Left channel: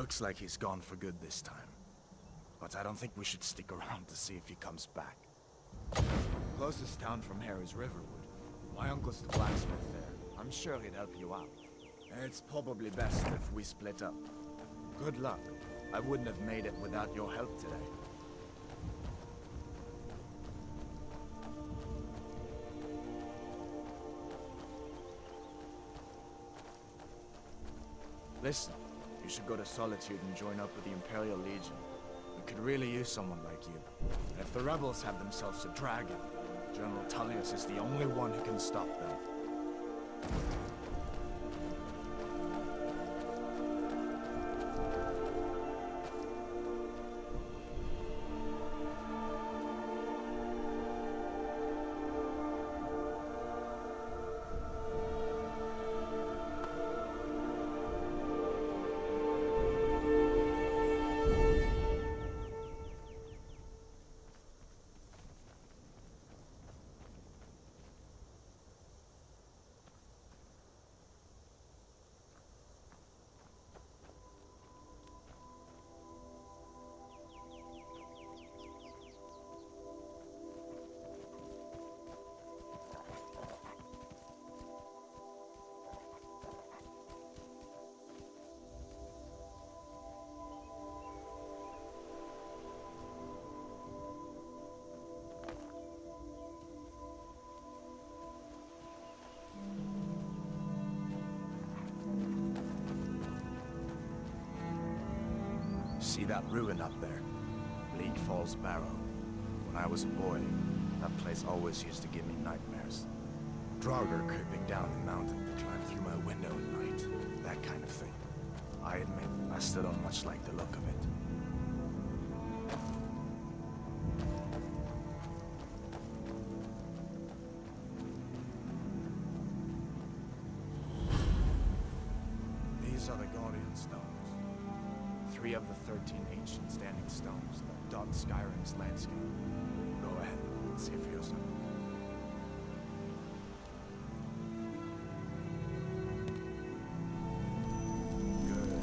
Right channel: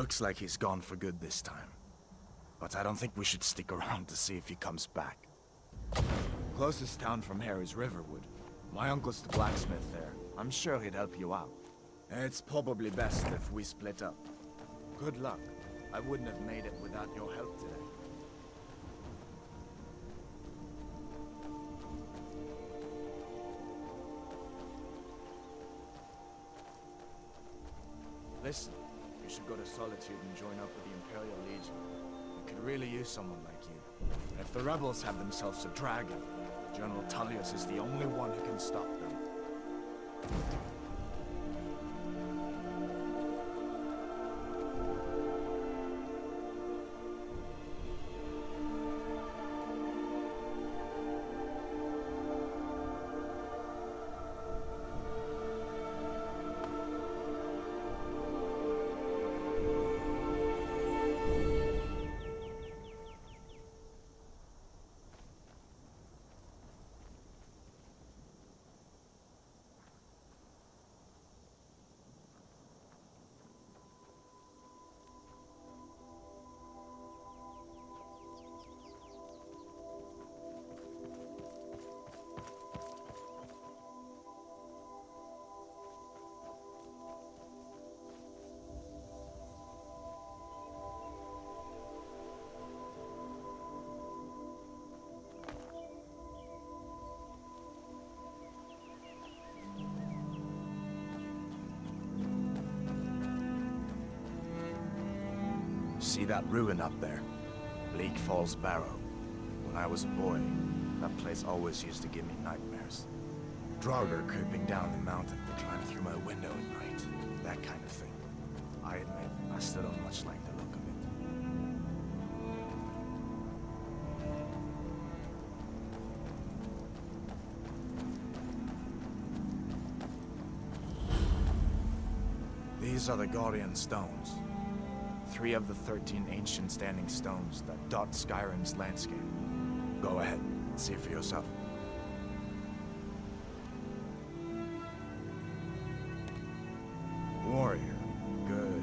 Looks like he's gone for good this time. But I don't think we should stick around to see if he comes back. Closest town from here is Riverwood. My uncle's the blacksmith there. I'm sure he'd help you out. It's probably best if we split up. Good luck. I wouldn't have made it without your help today. Listen, you should go to Solitude and join up with the Imperial Legion. We could really use someone like you. And if the rebels have themselves a dragon, General Tullius is the only one who can stop them. See that ruin up there? Bleak Falls Barrow. When I was a boy, that place always used to give me nightmares. Draugr creeping down the mountain to climb through my window at night. That kind of thing. I admit, I still don't much like the look of it. These are the Guardian Stones. 3 of the 13 ancient standing stones that dot Skyrim's landscape. Go ahead, see for yourself. Warrior, good.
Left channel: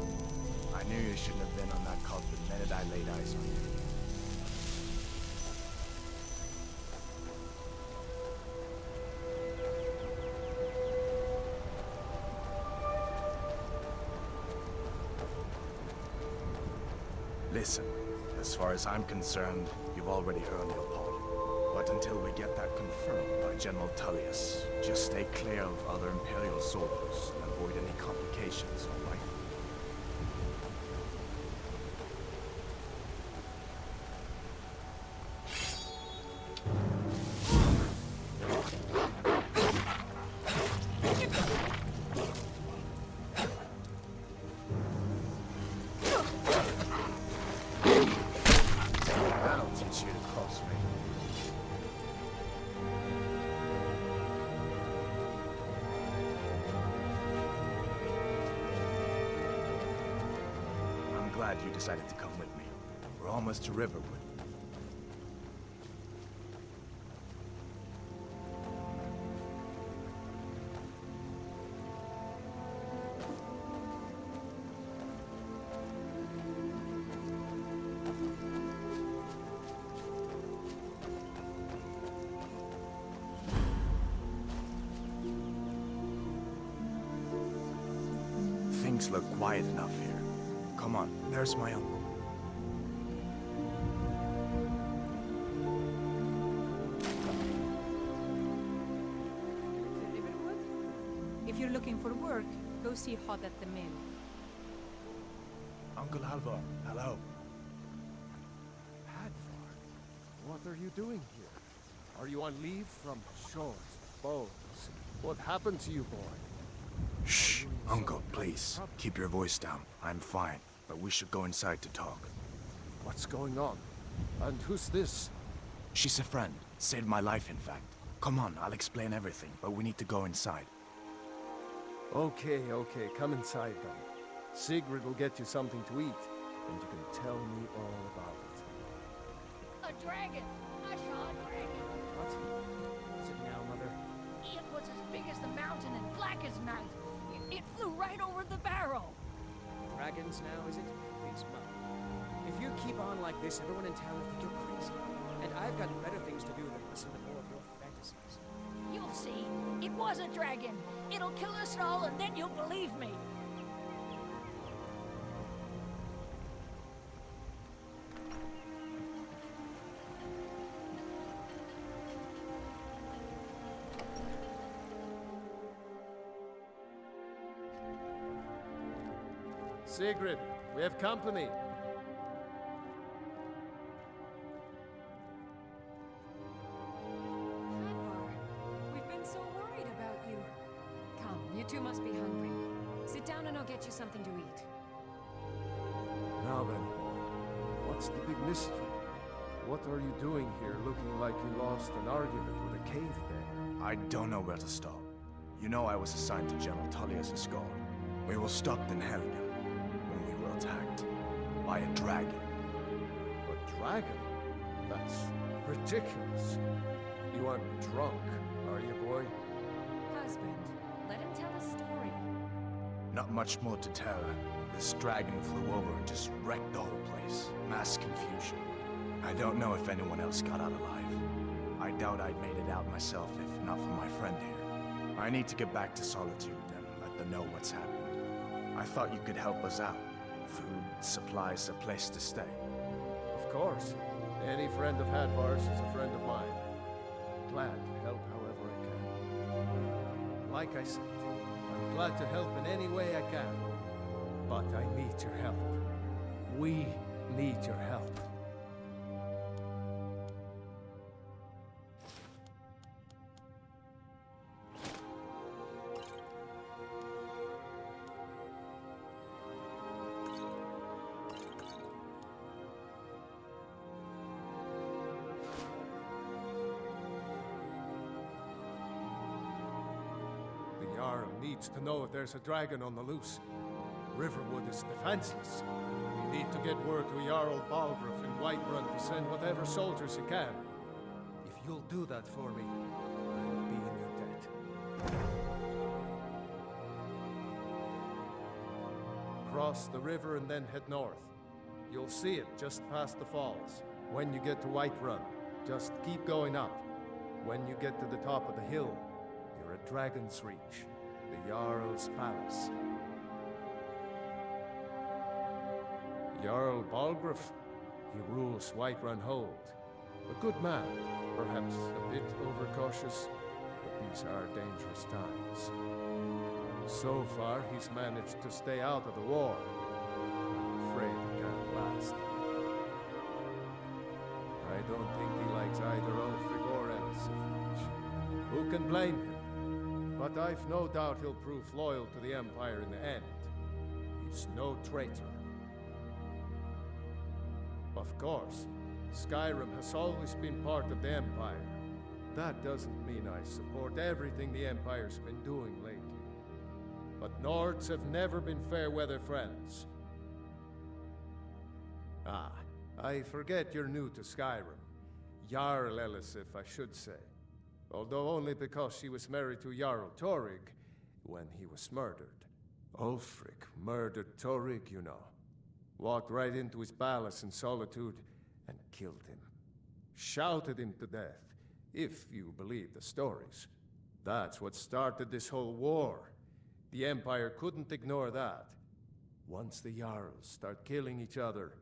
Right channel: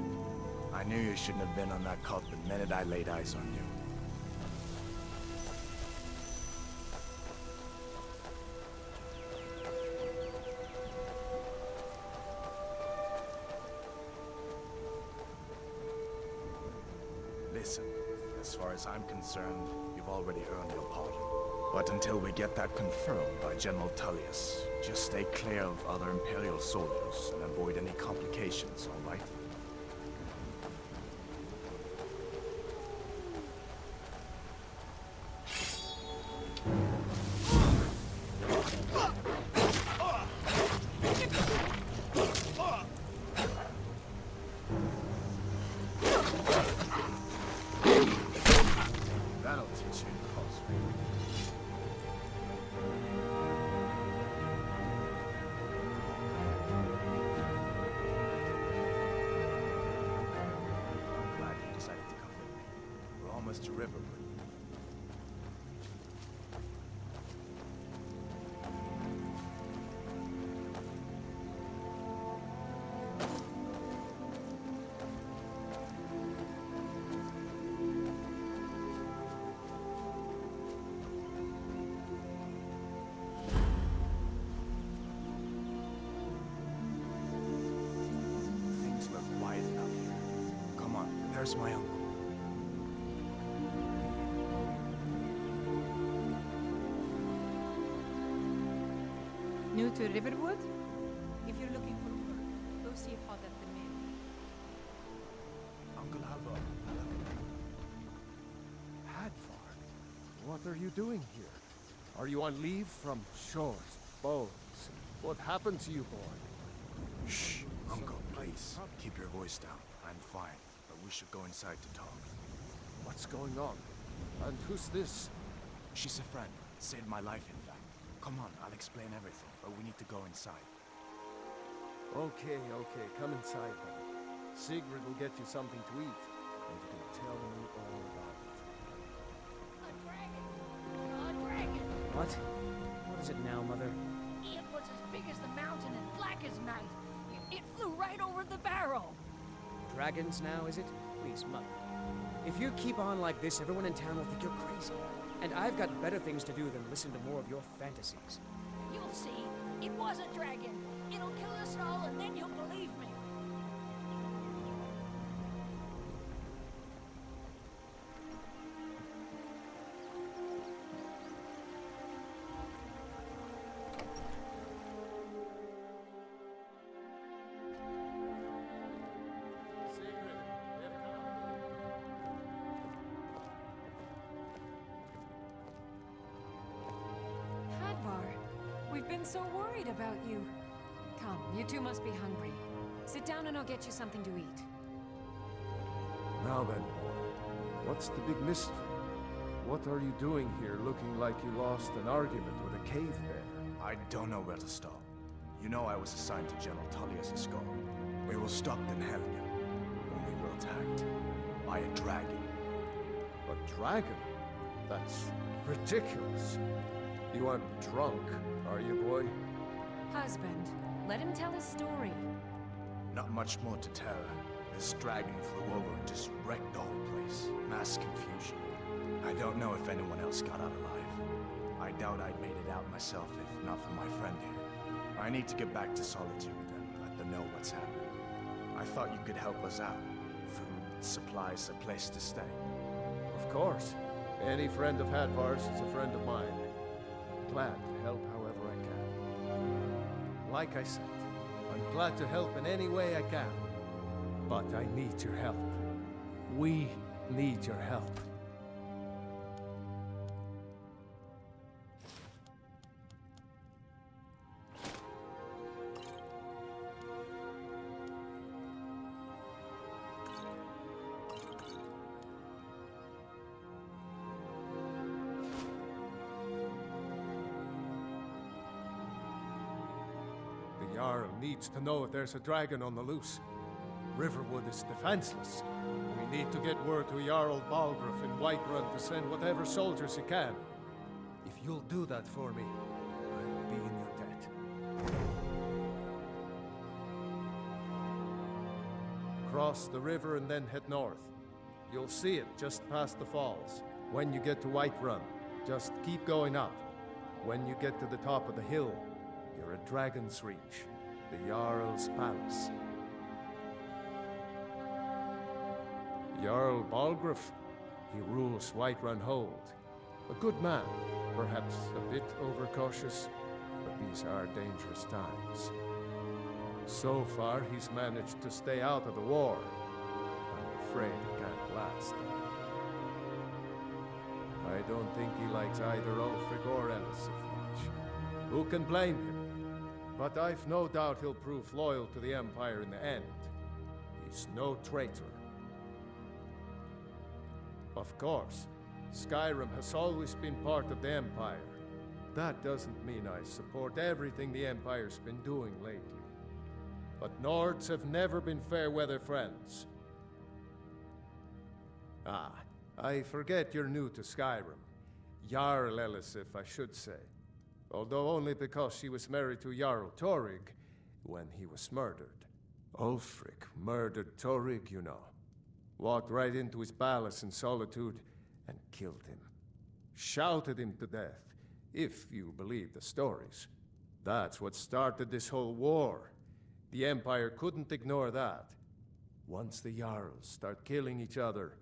I knew you shouldn't have been on that cult the minute I laid eyes on you. Listen, as far as I'm concerned, you've already earned your pardon. But until we get that confirmed by General Tullius, just stay clear of other Imperial soldiers and avoid any complications, all right? You decided to come with me. We're almost to Riverwood. Things look quiet enough here. Come on, there's my uncle. New to Riverwood? If you're looking for work, go see Hod at the mill. Uncle Alvar, hello. Hadvar, what are you doing here? Are you on leave from shores, bows? What happened to you, boy? Shh, Uncle, please. Keep your voice down. I'm fine, but we should go inside to talk. What's going on? And who's this? She's a friend. Saved my life, in fact. Come on, I'll explain everything, but we need to go inside. Okay, come inside then. Sigrid will get you something to eat, and you can tell me all about it. A dragon! I saw a dragon! What? What is it now, Mother? It was as big as the mountain and black as night. It flew right over the barrow. Dragons now, is it? Please, Mother. If you keep on like this, everyone in town will think you're crazy. And I've got better things to do than listen to more of your fantasies. You'll see. It was a dragon. It'll kill us all, and then you'll believe me. Sigrid, we have company. Hadvar, we've been so worried about you. Come, you two must be hungry. Sit down and I'll get you something to eat. Now then, boy, what's the big mystery? What are you doing here looking like you lost an argument with a cave bear? I don't know where to start. You know I was assigned to General Tullius' escort. We were stopped in Helgen when we were attacked by a dragon. A dragon? That's ridiculous. You aren't drunk, are you, boy? Husband, let him tell his story. Not much more to tell. This dragon flew over and just wrecked the whole place. Mass confusion. I don't know if anyone else got out alive. I doubt I'd made it out myself if not for my friend here. I need to get back to Solitude and let them know what's happened. I thought you could help us out. Food, supplies, a place to stay. Of course. Any friend of Hadvar's is a friend of mine. Glad to help however I can. Like I said, I'm glad to help in any way I can. But I need your help. We need your help. The Jarl needs to know if there's a dragon on the loose. Riverwood is defenseless. We need to get word to Jarl Balgruuf in Whiterun to send whatever soldiers he can. If you'll do that for me, I'll be in your debt. Cross the river and then head north. You'll see it just past the falls. When you get to Whiterun, just keep going up. When you get to the top of the hill, you're at Dragon's Reach, the Jarl's palace. Jarl Balgruuf, he rules Whiterun Hold. A good man, perhaps a bit overcautious, but these are dangerous times. So far, he's managed to stay out of the war. I'm afraid it can't last. I don't think he likes either Ulfric or Elisif much. Who can blame him? But I've no doubt he'll prove loyal to the Empire in the end. He's no traitor. Of course, Skyrim has always been part of the Empire. That doesn't mean I support everything the Empire's been doing lately. But Nords have never been fair-weather friends. Ah, I forget you're new to Skyrim. Jarl Elisif, I should say. Although only because she was married to Jarl Torygg when he was murdered. Ulfric murdered Torygg, you know. Walked right into his palace in Solitude and killed him. Shouted him to death, if you believe the stories. That's what started this whole war. The Empire couldn't ignore that. Once the Jarls start killing each other,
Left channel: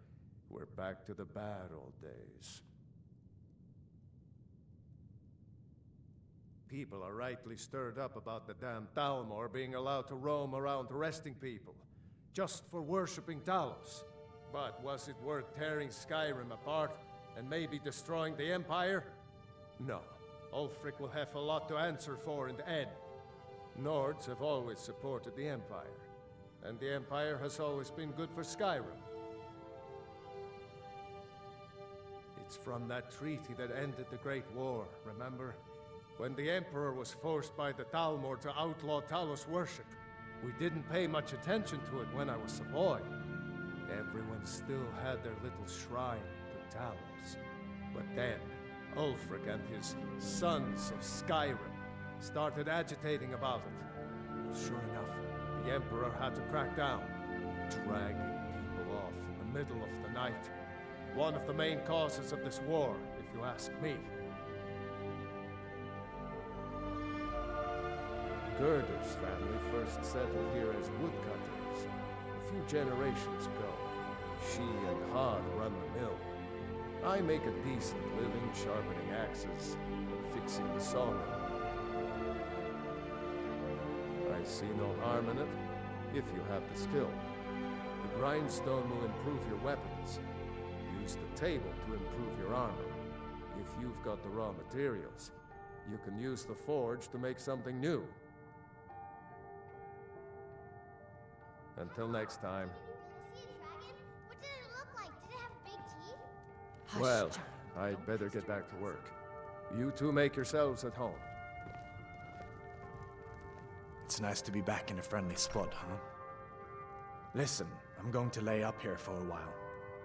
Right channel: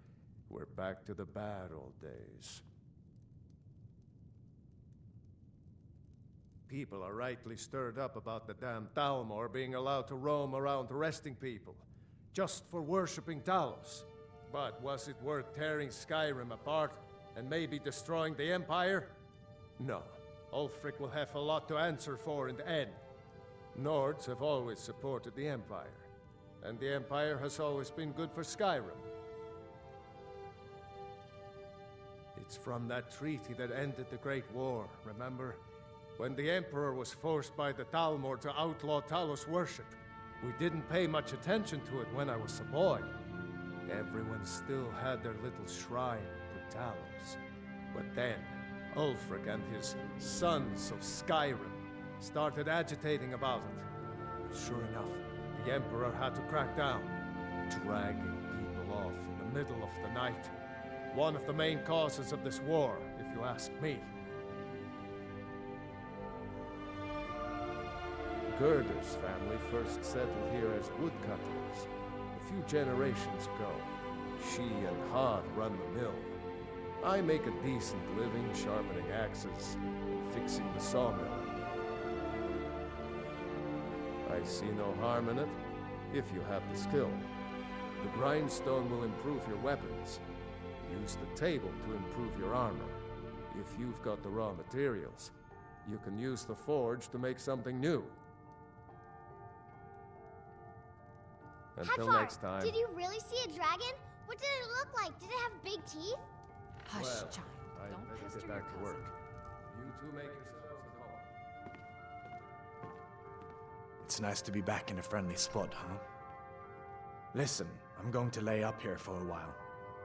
we're back to the bad old days. People are rightly stirred up about the damn Thalmor being allowed to roam around arresting people, just for worshipping Talos. But was it worth tearing Skyrim apart and maybe destroying the Empire? No. Ulfric will have a lot to answer for in the end. Nords have always supported the Empire, and the Empire has always been good for Skyrim. It's from that treaty that ended the Great War, remember? When the Emperor was forced by the Thalmor to outlaw Talos worship. We didn't pay much attention to it when I was a boy. Everyone still had their little shrine to Talos. But then, Ulfric and his Sons of Skyrim started agitating about it. Sure enough, the Emperor had to crack down, dragging people off in the middle of the night. One of the main causes of this war, if you ask me. Gerder's family first settled here as woodcutters a few generations ago. She and Hod run the mill. I make a decent living sharpening axes and fixing the sawmill. I see no harm in it, if you have the skill. The grindstone will improve your weapons. Use the table to improve your armor. If you've got the raw materials, you can use the forge to make something new. Until Heifer, next time. Did you really see a dragon? What did it look like? Did it have big teeth? Hush, Well, child. I'd Don't better pester get your back to cousin. work. You two make yourselves at home. It's nice to be back in a friendly spot, huh? Listen, I'm going to lay up here for a while.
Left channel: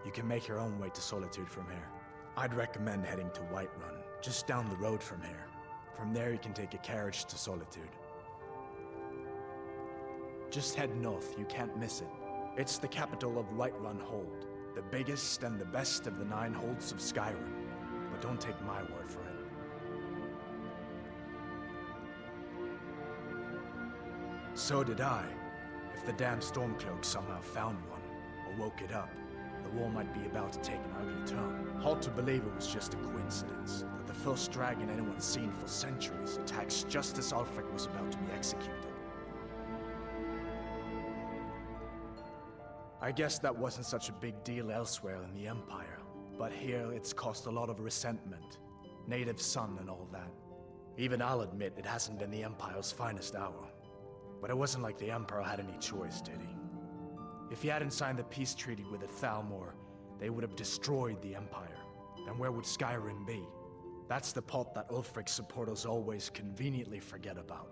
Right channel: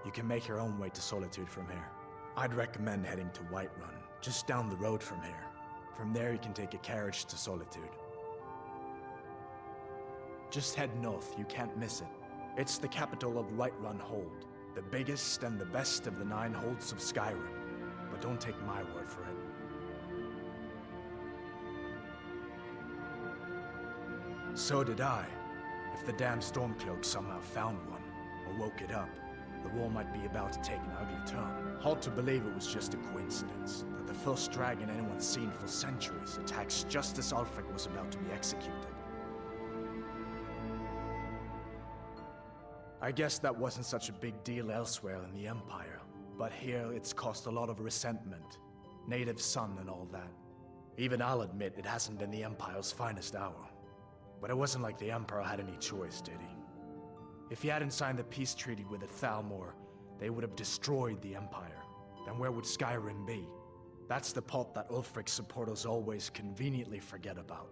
You can make your own way to Solitude from here. I'd recommend heading to Whiterun, just down the road from here. From there you can take a carriage to Solitude. Just head north, you can't miss it. It's the capital of Whiterun Hold, the biggest and the best of the 9 holds of Skyrim. But don't take my word for it. So did I. If the damn Stormcloak somehow found one, or woke it up, the war might be about to take an ugly turn. Hard to believe it was just a coincidence, that the first dragon anyone's seen for centuries attacks just as Ulfric was about to be executed. I guess that wasn't such a big deal elsewhere in the Empire, but here it's caused a lot of resentment. Native son and all that. Even I'll admit it hasn't been the Empire's finest hour. But it wasn't like the Emperor had any choice, did he? If he hadn't signed the peace treaty with the Thalmor, they would have destroyed the Empire. Then where would Skyrim be? That's the part that Ulfric's supporters always conveniently forget about.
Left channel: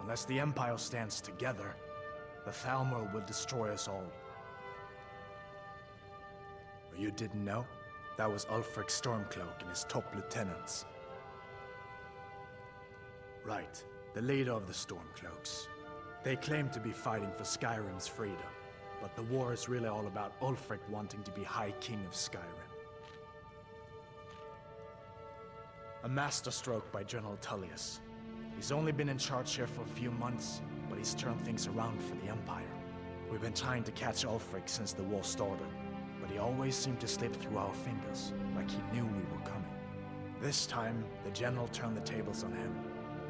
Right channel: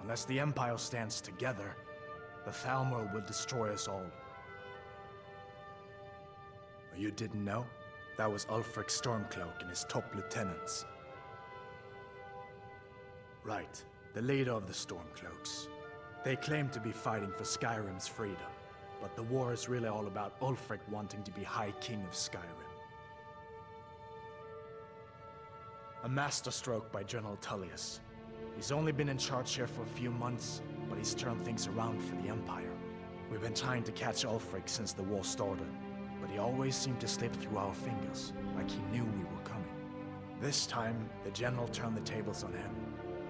Unless the Empire stands together, the Thalmor will destroy us all. You didn't know? That was Ulfric Stormcloak and his top lieutenants. Right, the leader of the Stormcloaks. They claim to be fighting for Skyrim's freedom, but the war is really all about Ulfric wanting to be High King of Skyrim. A masterstroke by General Tullius. He's only been in charge here for a few months, but he's turned things around for the Empire. We've been trying to catch Ulfric since the war started, but he always seemed to slip through our fingers, like he knew we were coming. This time, the general turned the tables on him.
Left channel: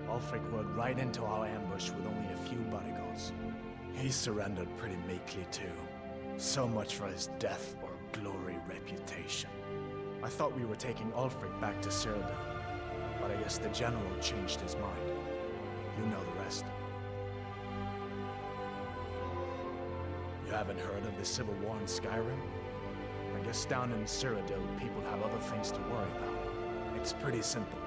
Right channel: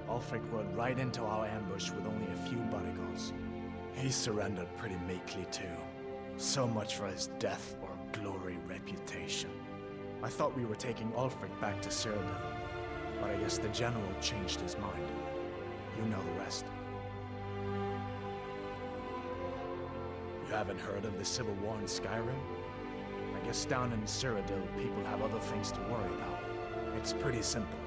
Ulfric rode right into our ambush with only a few bodyguards. He surrendered pretty meekly too. So much for his death or glory reputation. I thought we were taking Ulfric back to Cyrodiil, but I guess the general changed his mind. You know the rest. You haven't heard of the civil war in Skyrim? I guess down in Cyrodiil, people have other things to worry about. It's pretty simple.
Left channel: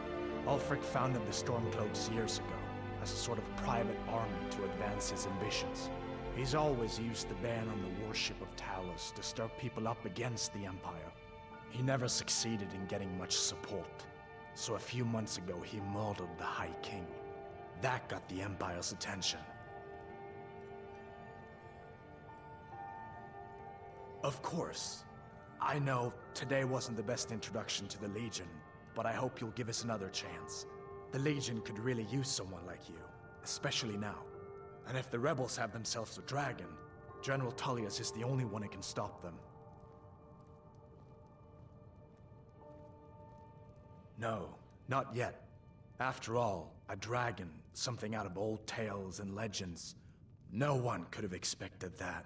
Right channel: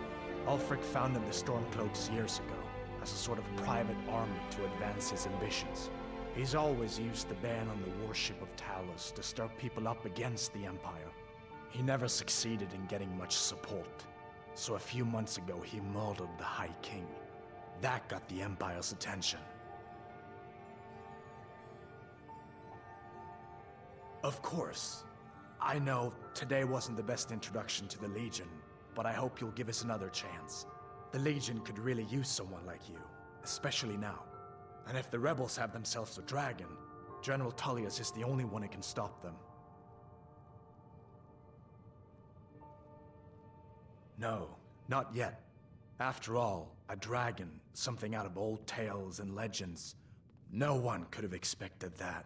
Ulfric founded the Stormcloaks years ago, as a sort of private army to advance his ambitions. He's always used the ban on the worship of Talos to stir people up against the Empire. He never succeeded in getting much support, so a few months ago he murdered the High King. That got the Empire's attention. Of course. I know today wasn't the best introduction to the Legion, but I hope you'll give us another chance. The Legion could really use someone like you, especially now. And if the rebels have themselves a dragon, General Tullius is the only one who can stop them. No, not yet. After all, a dragon, something out of old tales and legends. No one could have expected that.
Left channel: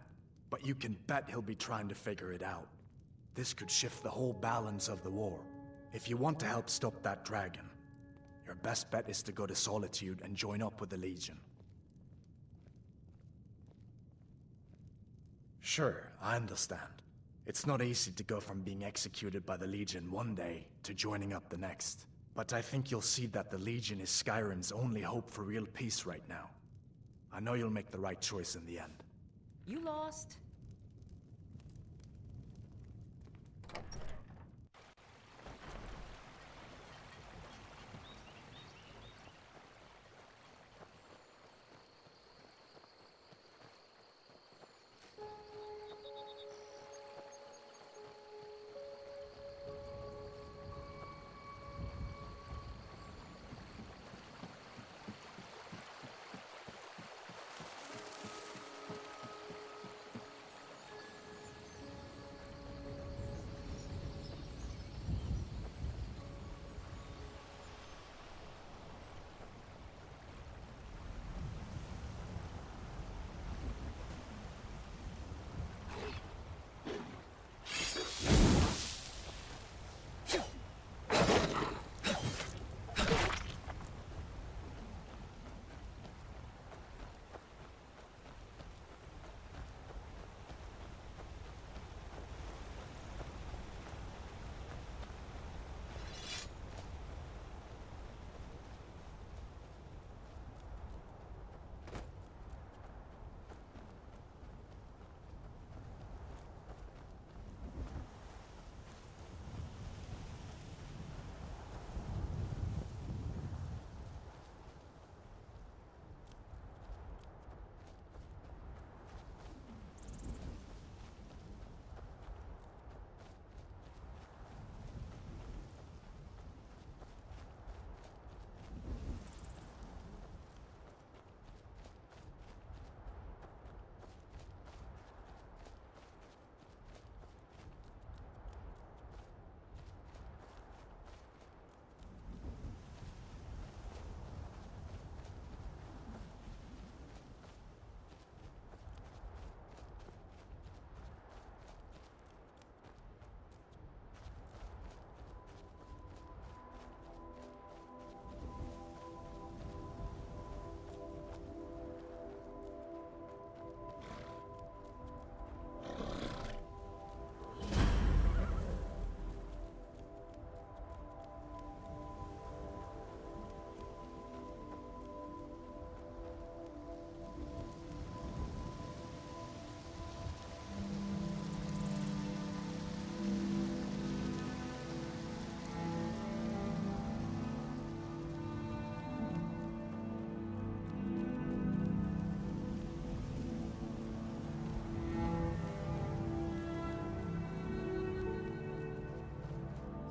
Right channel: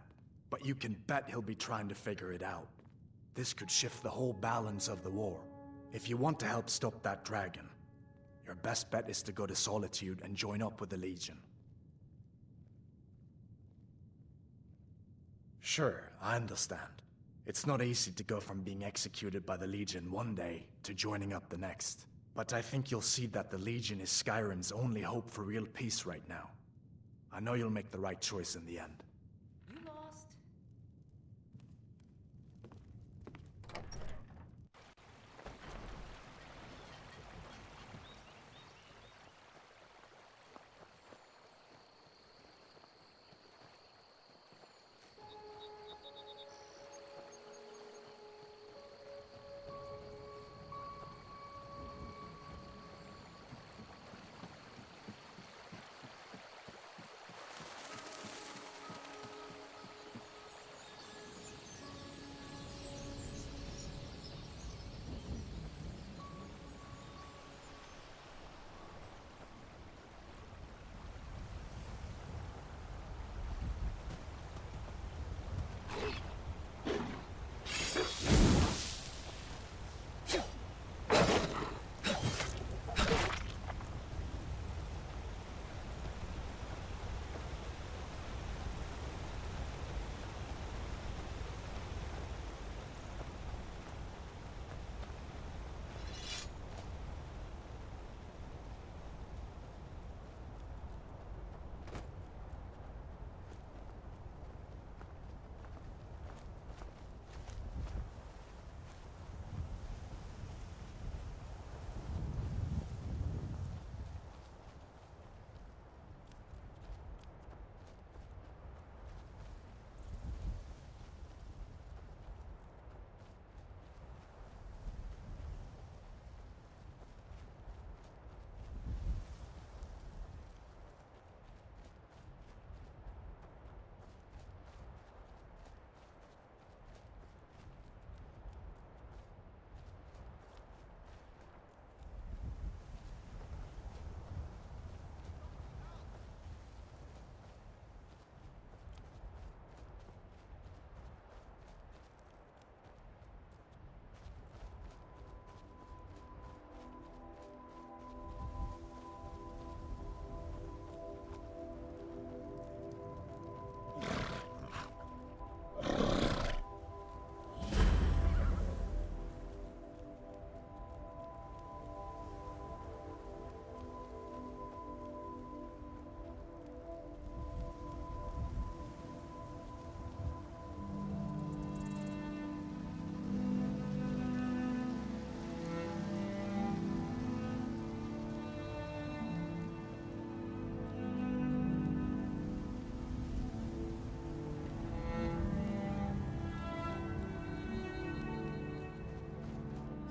But you can bet he'll be trying to figure it out. This could shift the whole balance of the war. If you want to help stop that dragon, your best bet is to go to Solitude and join up with the Legion. Sure, I understand. It's not easy to go from being executed by the Legion one day to joining up the next. But I think you'll see that the Legion is Skyrim's only hope for real peace right now. I know you'll make the right choice in the end. You lost.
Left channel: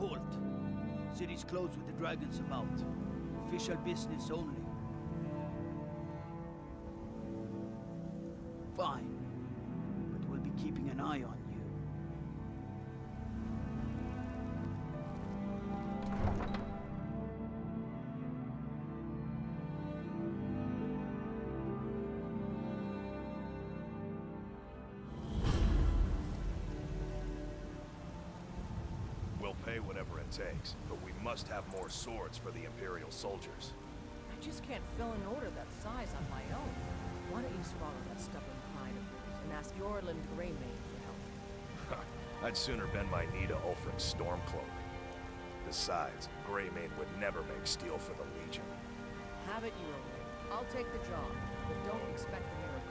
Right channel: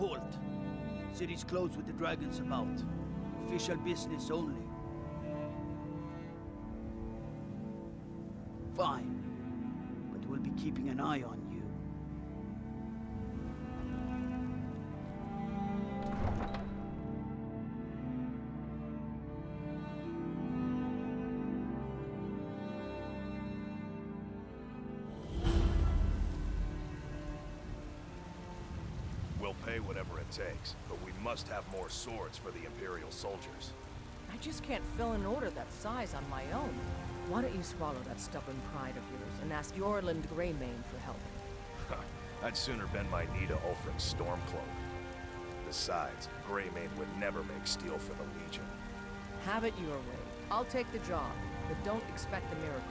Halt. City's closed with the dragons about. Official business only. Fine. But we'll be keeping an eye on you. We'll pay whatever it takes, but we must have more swords for the Imperial soldiers. I just can't fill an order that size on my own. Why don't you swallow that stubborn pride of yours and ask Yorland Greymane for help? I'd sooner bend my knee to Ulfric's Stormcloak. Besides, Greymane would never make steel for the Legion. Have it your way. I'll take the job, but don't expect a miracle.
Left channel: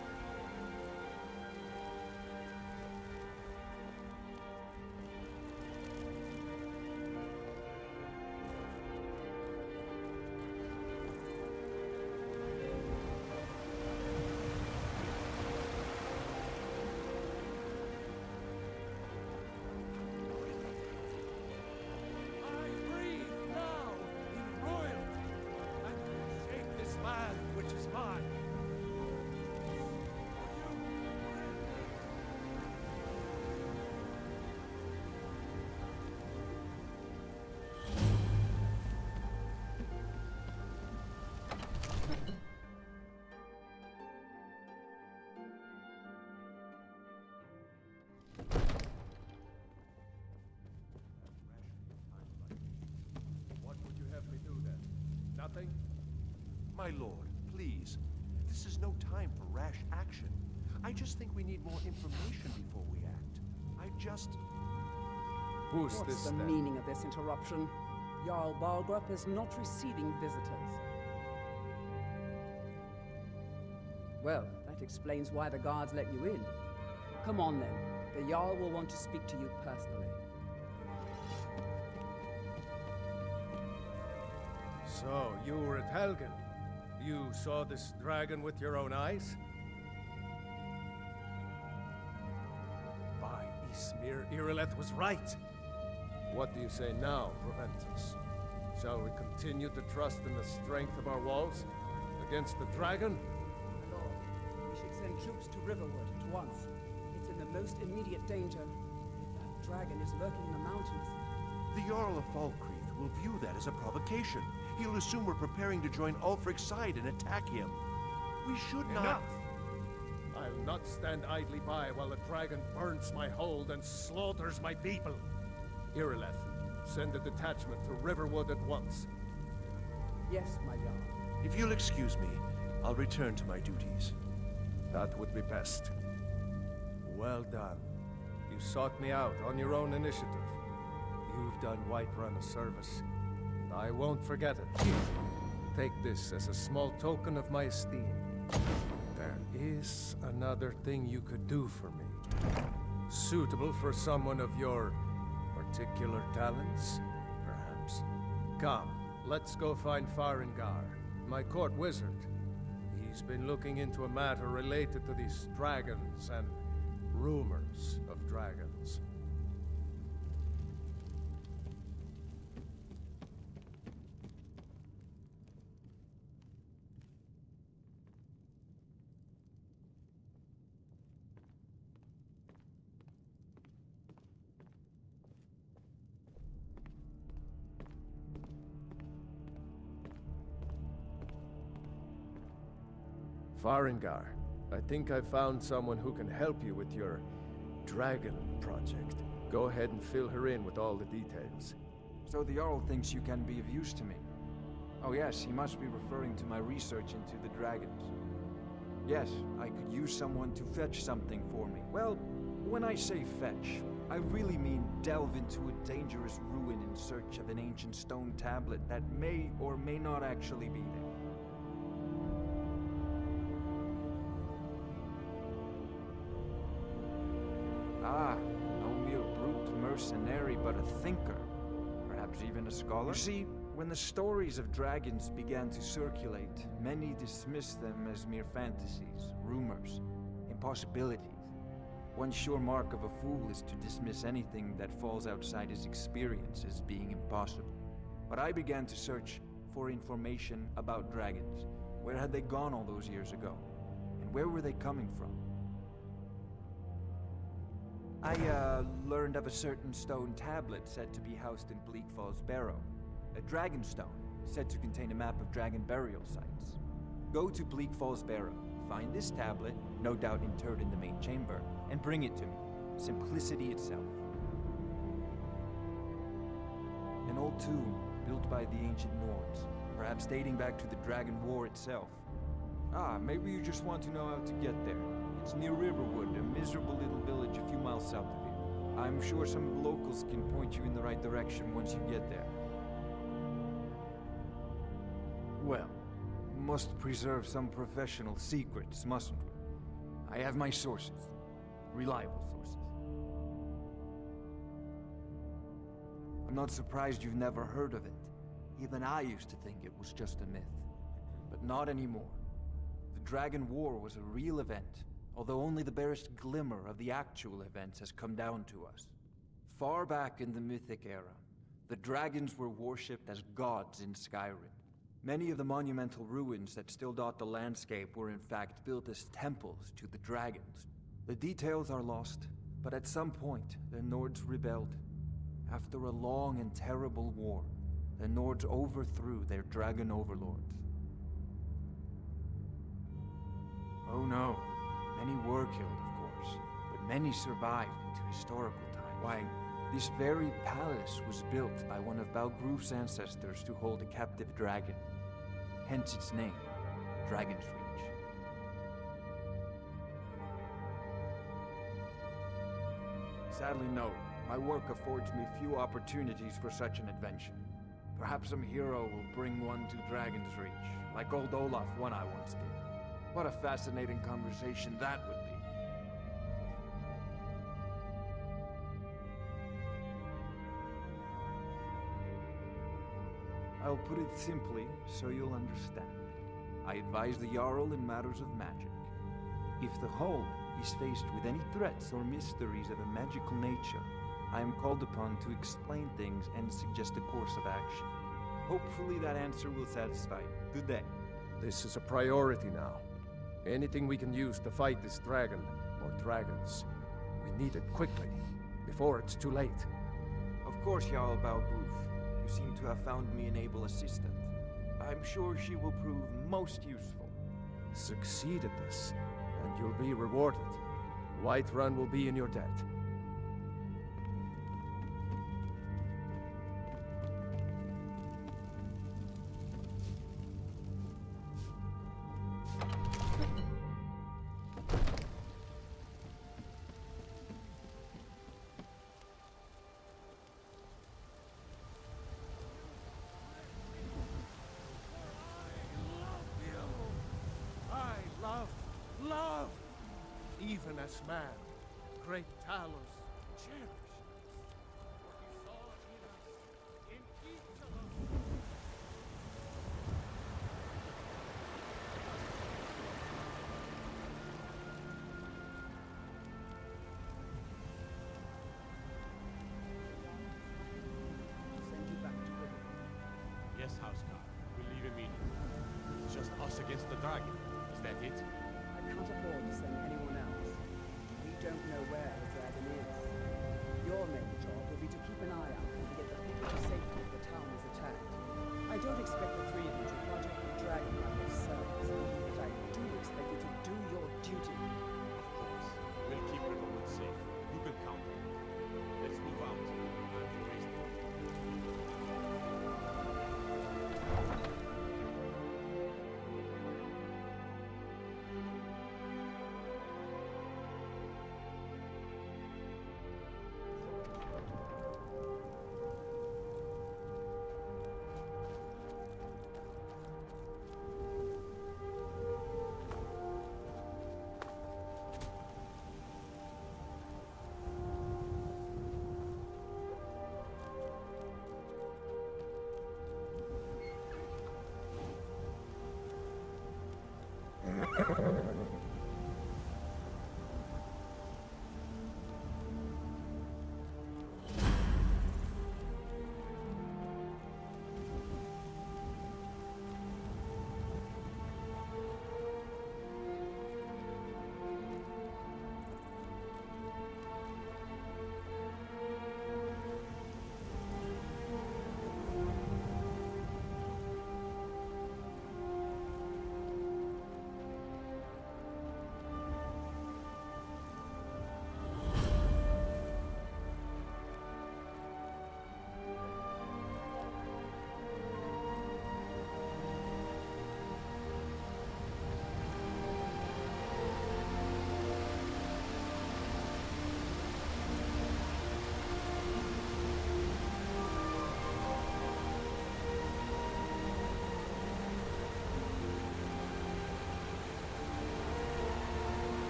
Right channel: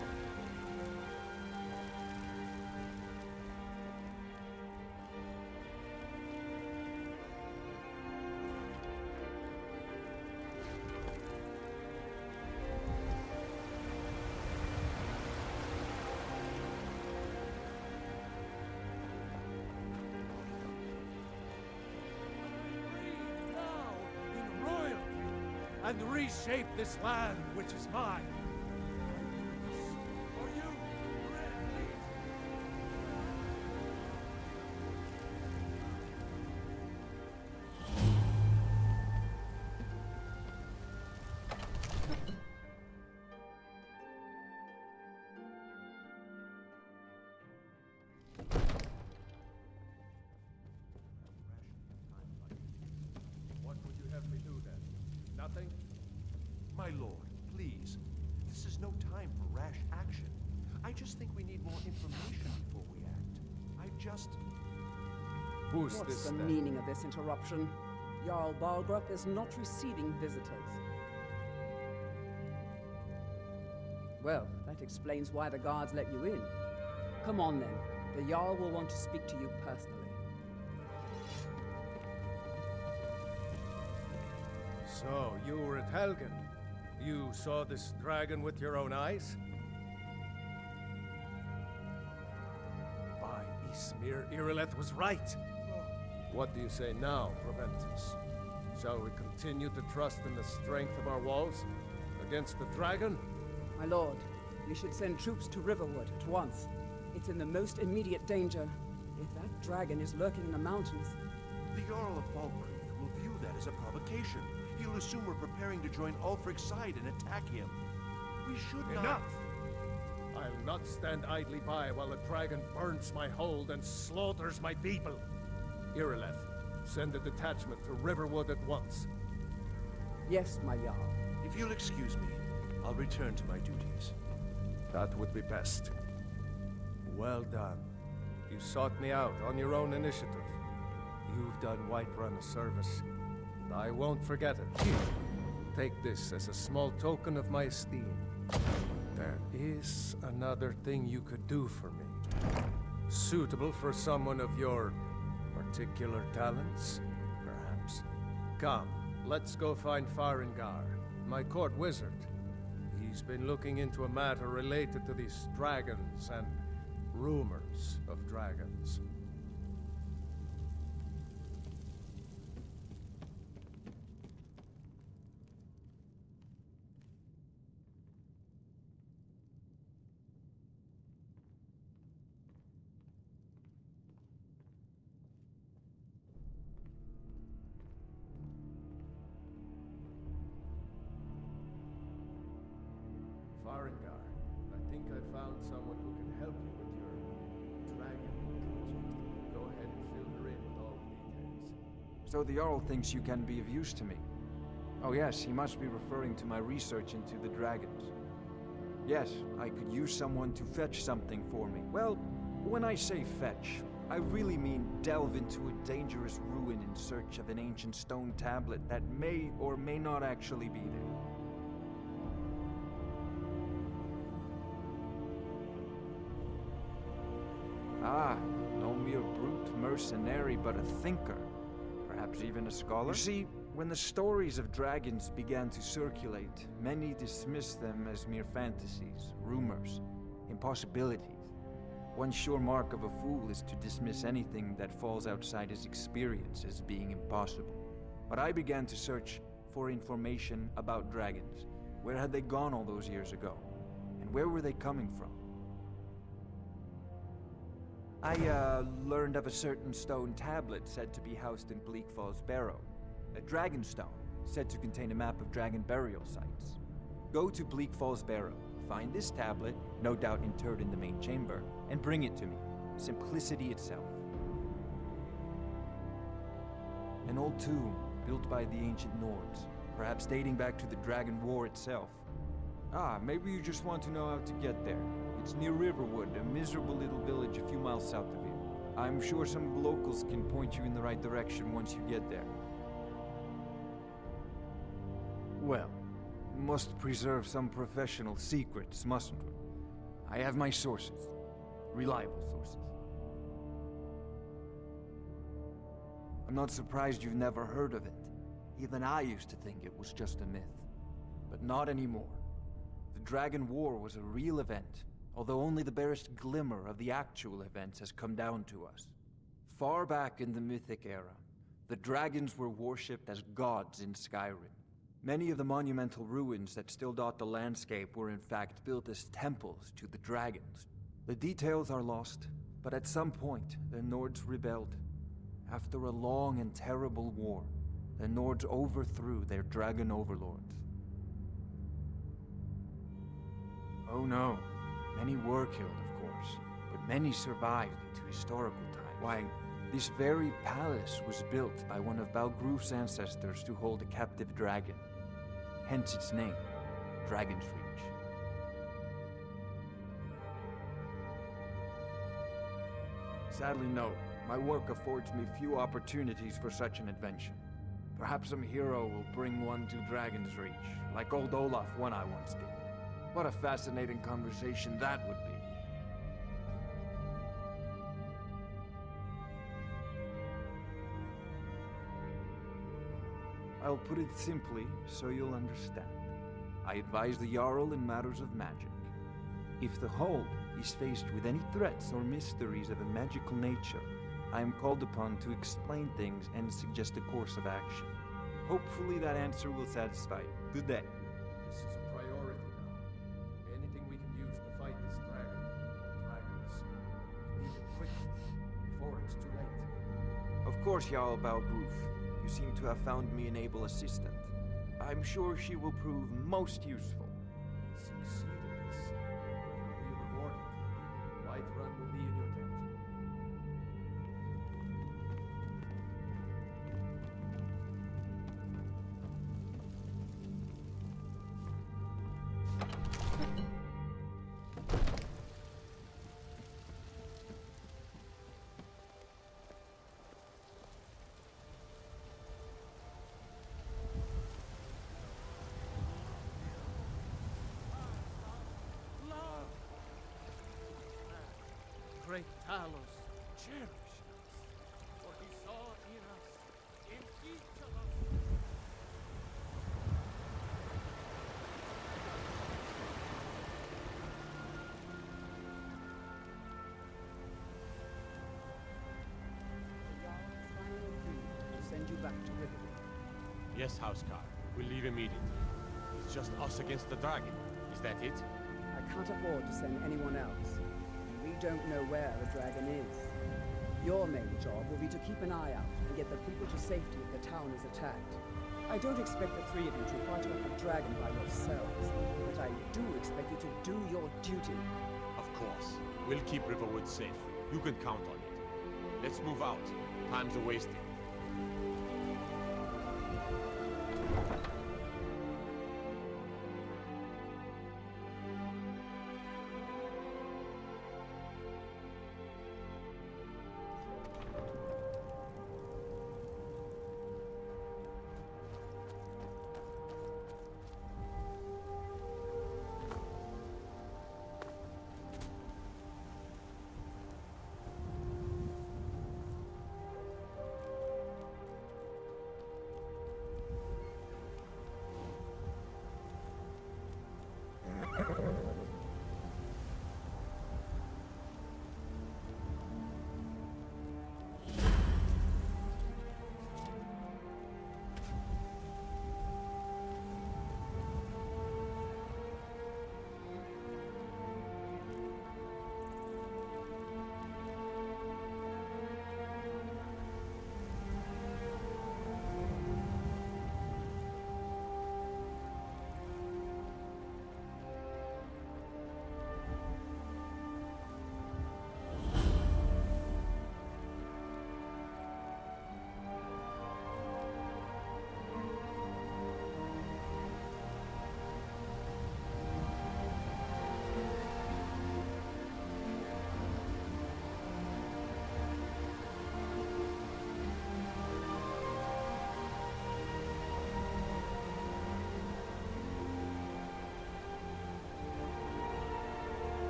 And reshape this land, which is mine. For you, what would you have me do then? Nothing? My lord, please. This is no time for rash action. I just think we need more information before we act. Who's What's this the then? meaning of this interruption? Jarl Balgrup is not receiving visitors. Well, that explains why the guards let you in. Come on then. The Jarl will want to speak to you personally. So, you were at Helgen. You saw this dragon with your own eyes? By Ismir, Irileth was right. What do you say now, Proventus? Shall we continue to trust in the strength of our walls against the dragon? My lord, we should send troops to Riverwood at once. It's in the most immediate danger. If that dragon is lurking in the mountains... The Jarl of Falkreath will view that as a provocation. He'll assume we're preparing to join Ulfric's side and attack him. We should not... Enough! I'll not stand idly by while the dragon burns my hold and slaughters my people. Irileth, send a detachment to Riverwood at once. Yes, my Jarl. If you'll excuse me, I'll return to my duties. That would be best. Well done. You sought me out on your own initiative. You've done Whiterun a service, and I won't forget it. Here, take this as a small token of my esteem. There is another thing you could do for me. Suitable for someone of your particular talents, perhaps. Come, let's go find Farengar, my court wizard. He's been looking into a matter related to these dragons and rumors of dragons. Farengar, I think I found someone who can help you with your dragon project. Go ahead and fill her in with all the details. So the Jarl thinks you can be of use to me. Oh yes, he must be referring to my research into the dragons. Yes, I could use someone to fetch something for me. Well, when I say fetch, I really mean delve into a dangerous ruin in search of an ancient stone tablet that may or may not actually be there. Ah, no mere brute mercenary, but a thinker. Perhaps even a scholar? You see, when the stories of dragons began to circulate, many dismissed them as mere fantasies, rumors, impossibilities. One sure mark of a fool is to dismiss anything that falls outside his experience as being impossible. But I began to search for information about dragons. Where had they gone all those years ago? And where were they coming from? I learned of a certain stone tablet said to be housed in Bleak Falls Barrow. A dragon stone, said to contain a map of dragon burial sites. Go to Bleak Falls Barrow, find this tablet, no doubt interred in the main chamber, and bring it to me. Simplicity itself. An old tomb, built by the ancient Nords, perhaps dating back to the Dragon War itself. Ah, maybe you just want to know how to get there. It's near Riverwood, a miserable little village a few miles south of here. I'm sure some of the locals can point you in the right direction once you get there. Well, must preserve some professional secrets, mustn't we? I have my sources. Reliable sources. I'm not surprised you've never heard of it. Even I used to think it was just a myth. But not anymore. The Dragon War was a real event, although only the barest glimmer of the actual events has come down to us. Far back in the Mythic era, the dragons were worshipped as gods in Skyrim. Many of the monumental ruins that still dot the landscape were in fact built as temples to the dragons. The details are lost, but at some point, the Nords rebelled. After a long and terrible war, the Nords overthrew their dragon overlords. Oh no, many were killed, of course, but many survived into historical times. Why, this very palace was built by one of Balgroof's ancestors to hold a captive dragon. Hence its name, Dragon's Reach. Sadly, no. My work affords me few opportunities for such an adventure. Perhaps some hero will bring one to Dragon's Reach, like old Olaf one I once did. What a fascinating conversation that would be. I'll put it simply so you'll understand. I advise the Jarl in matters of magic. If the Hold is faced with any threats or mysteries of a magical nature, I am called upon to explain things and suggest a course of action. Hopefully that answer will satisfy you. Good day. This is a priority now. Anything we can use to fight this dragon, or dragons, we need it quickly, before it's too late. Of course, Jarl Balgroof. You seem to have found me an able assistant. I'm sure she will prove most useful. Succeed at this, and you'll be rewarded. Whiterun will be in your debt. Great Talos cherished us, for he saw in us, in each of us. To send you back to Riverwood. Yes, Housecar. We'll leave immediately. It's just us against the dragon. Is that it? I can't afford to send anyone else. We don't know where the dragon is. Your main job will be to keep an eye out and get the people to safety if the town is attacked. I don't expect the three of you to fight off the dragon by yourselves, but I do expect you to do your duty. Of course. We'll keep Riverwood safe. You can count on it. Let's move out. Time's a wasting.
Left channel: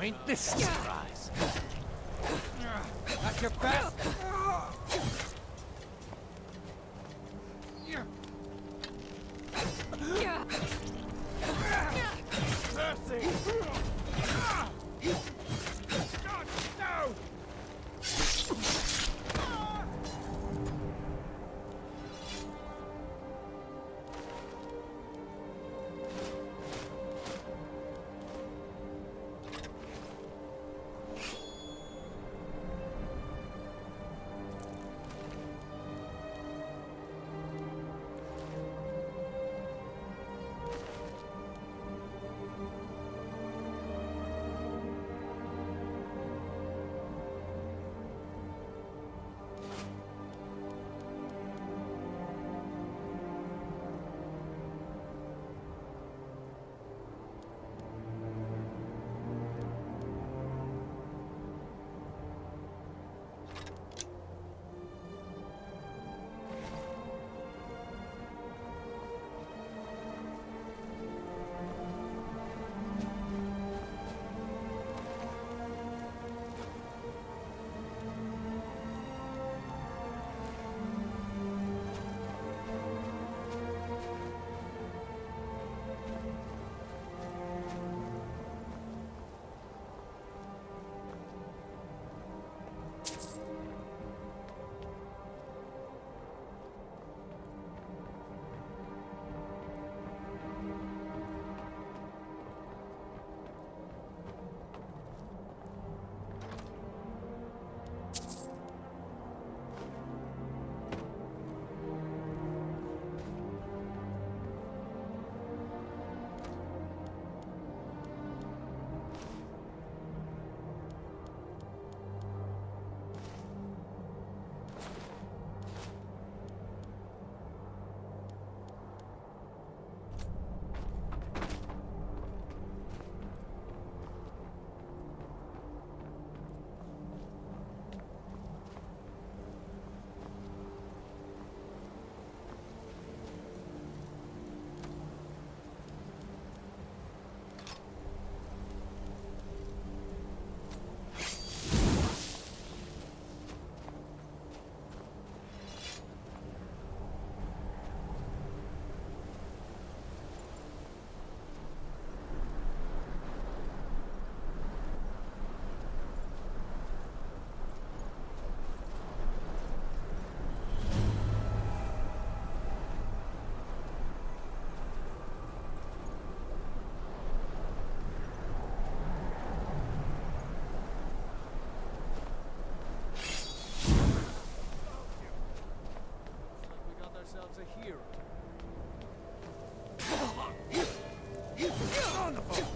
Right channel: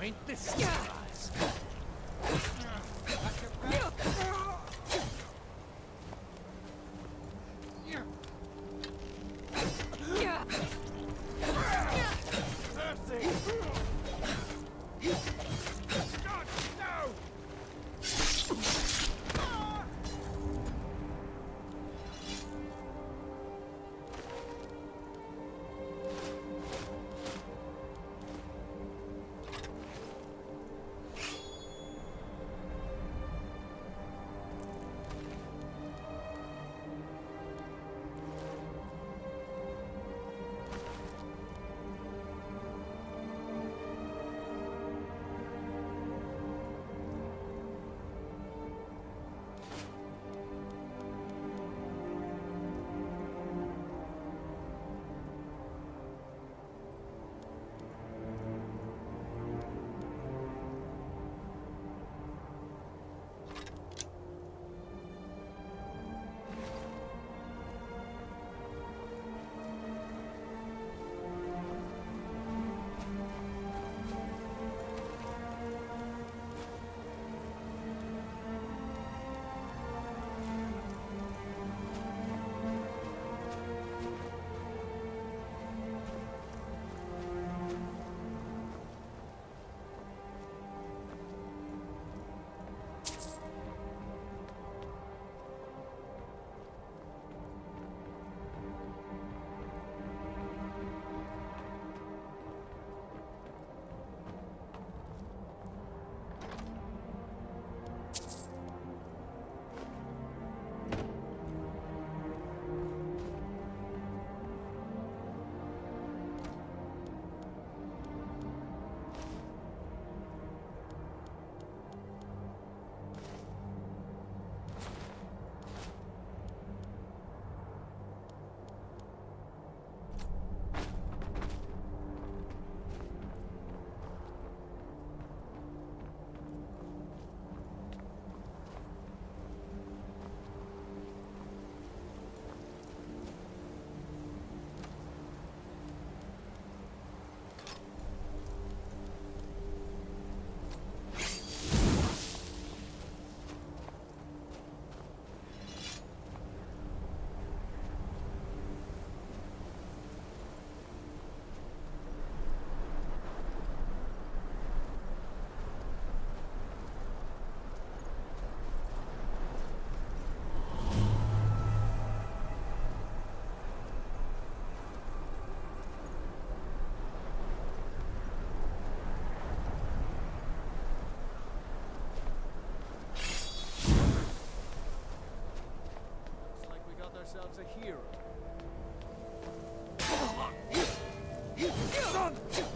Now ain't this a surprise? That's your best. Mercy! God, no! ourselves a hero. On the phone!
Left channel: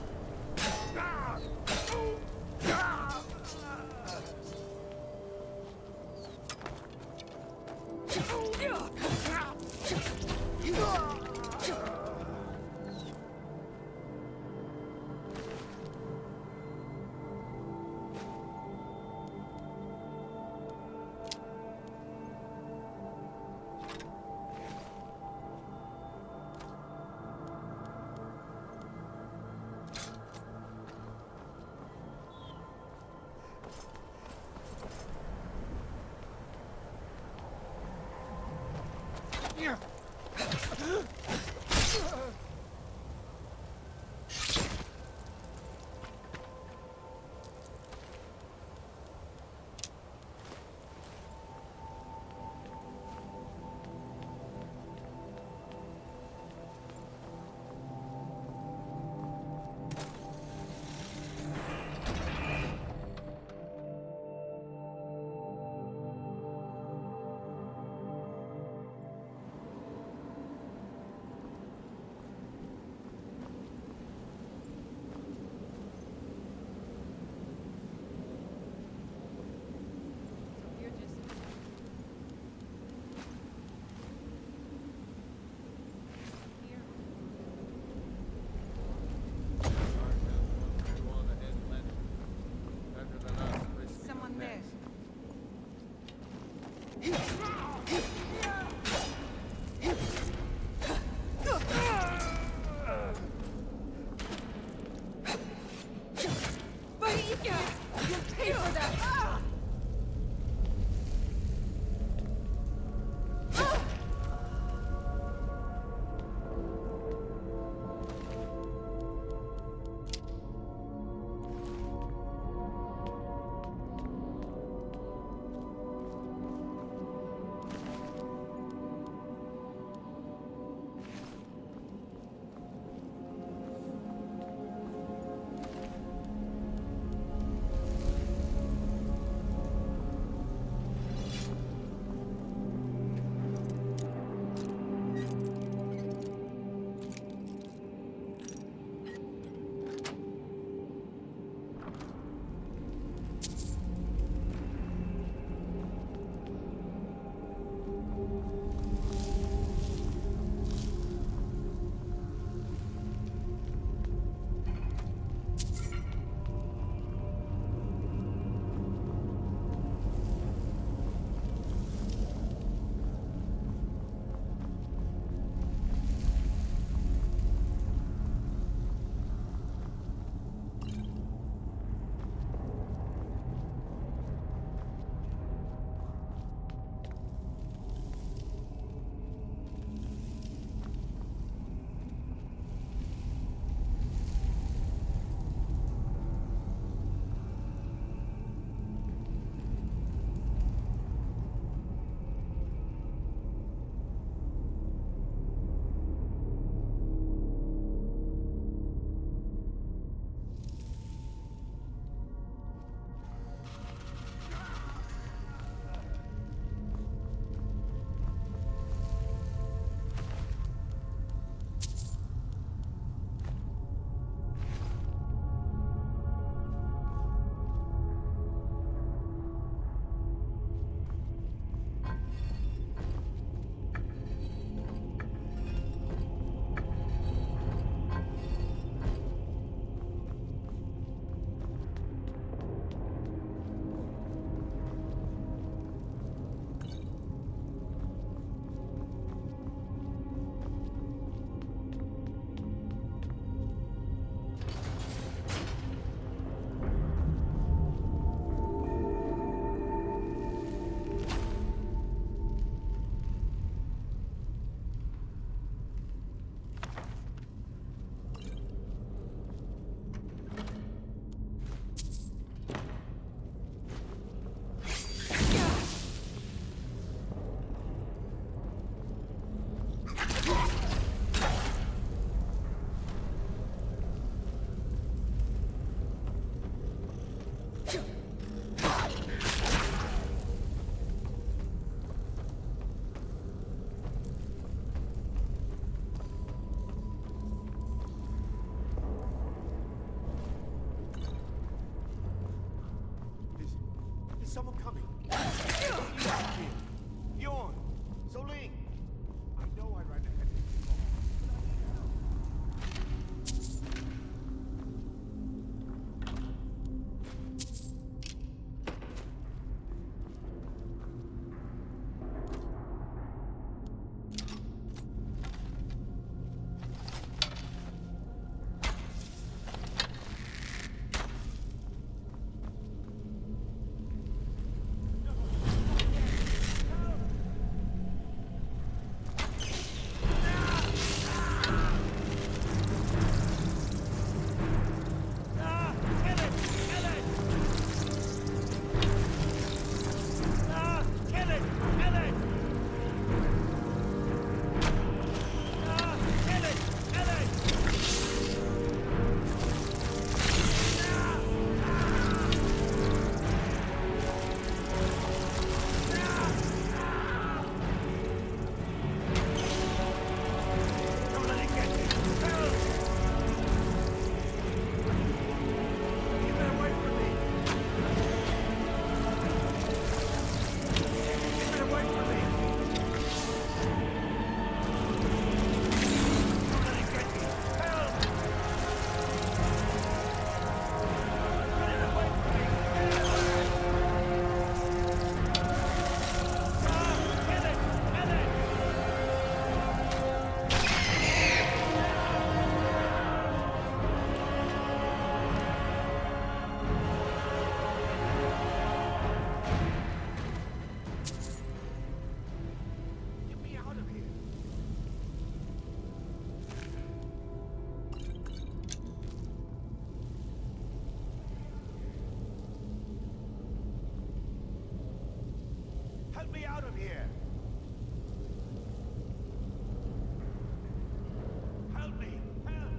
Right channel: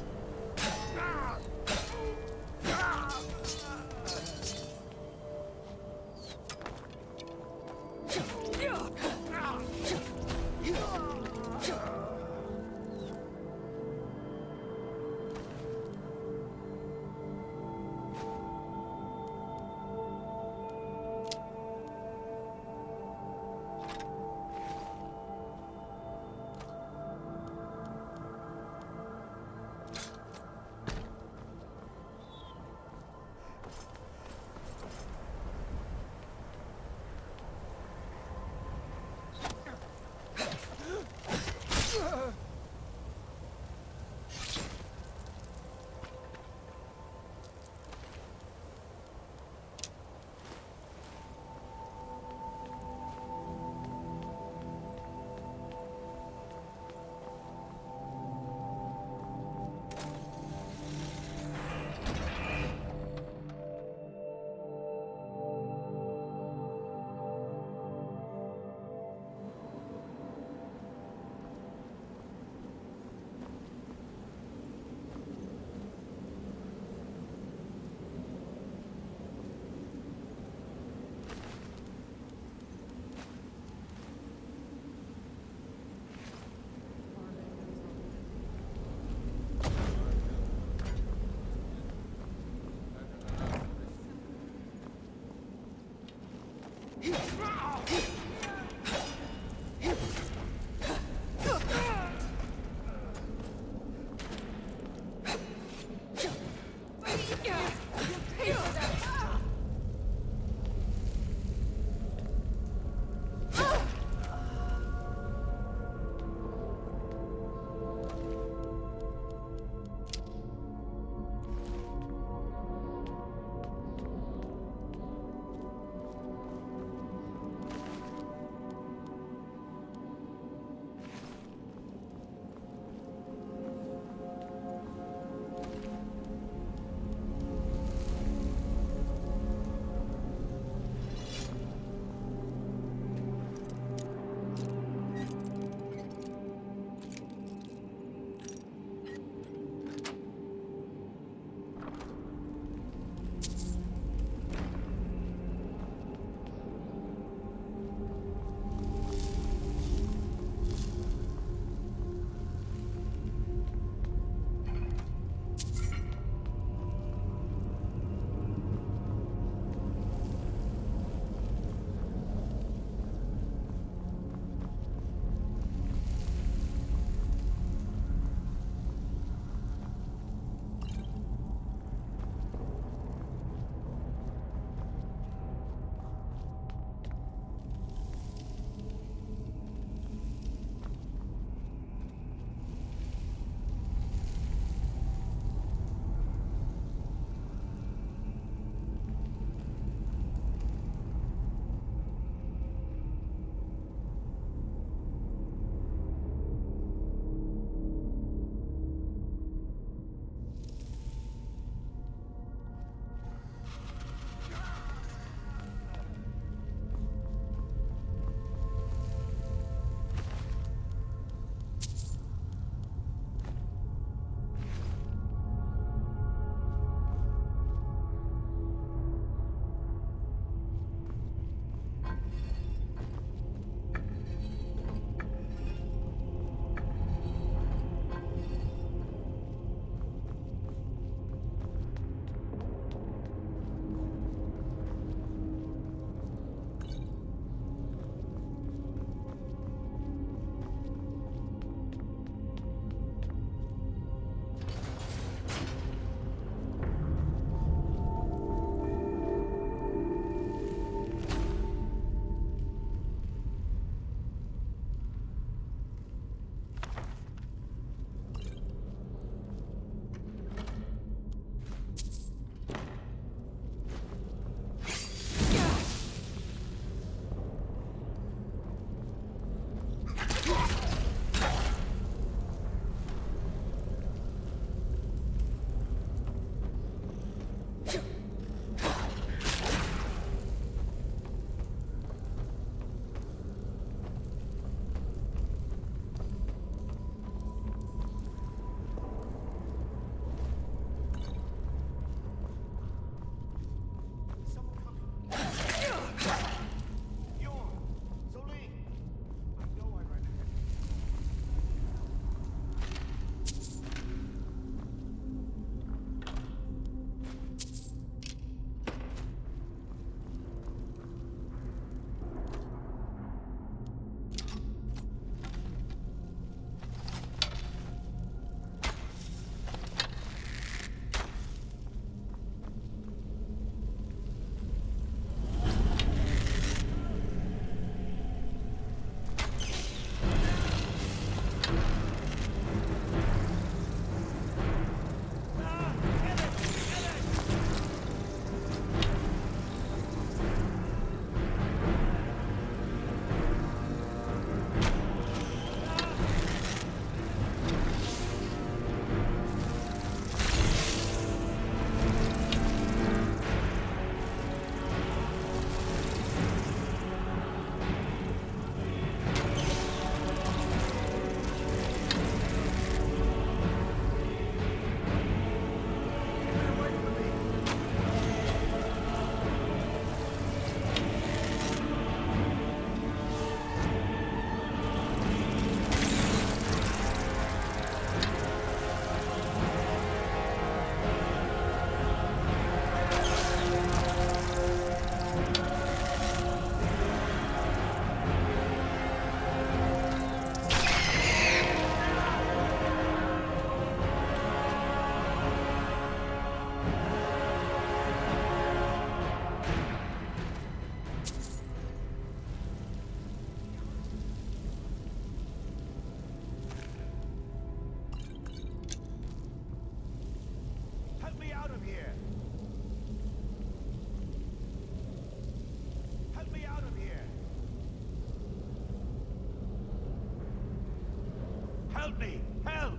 Help me! Help!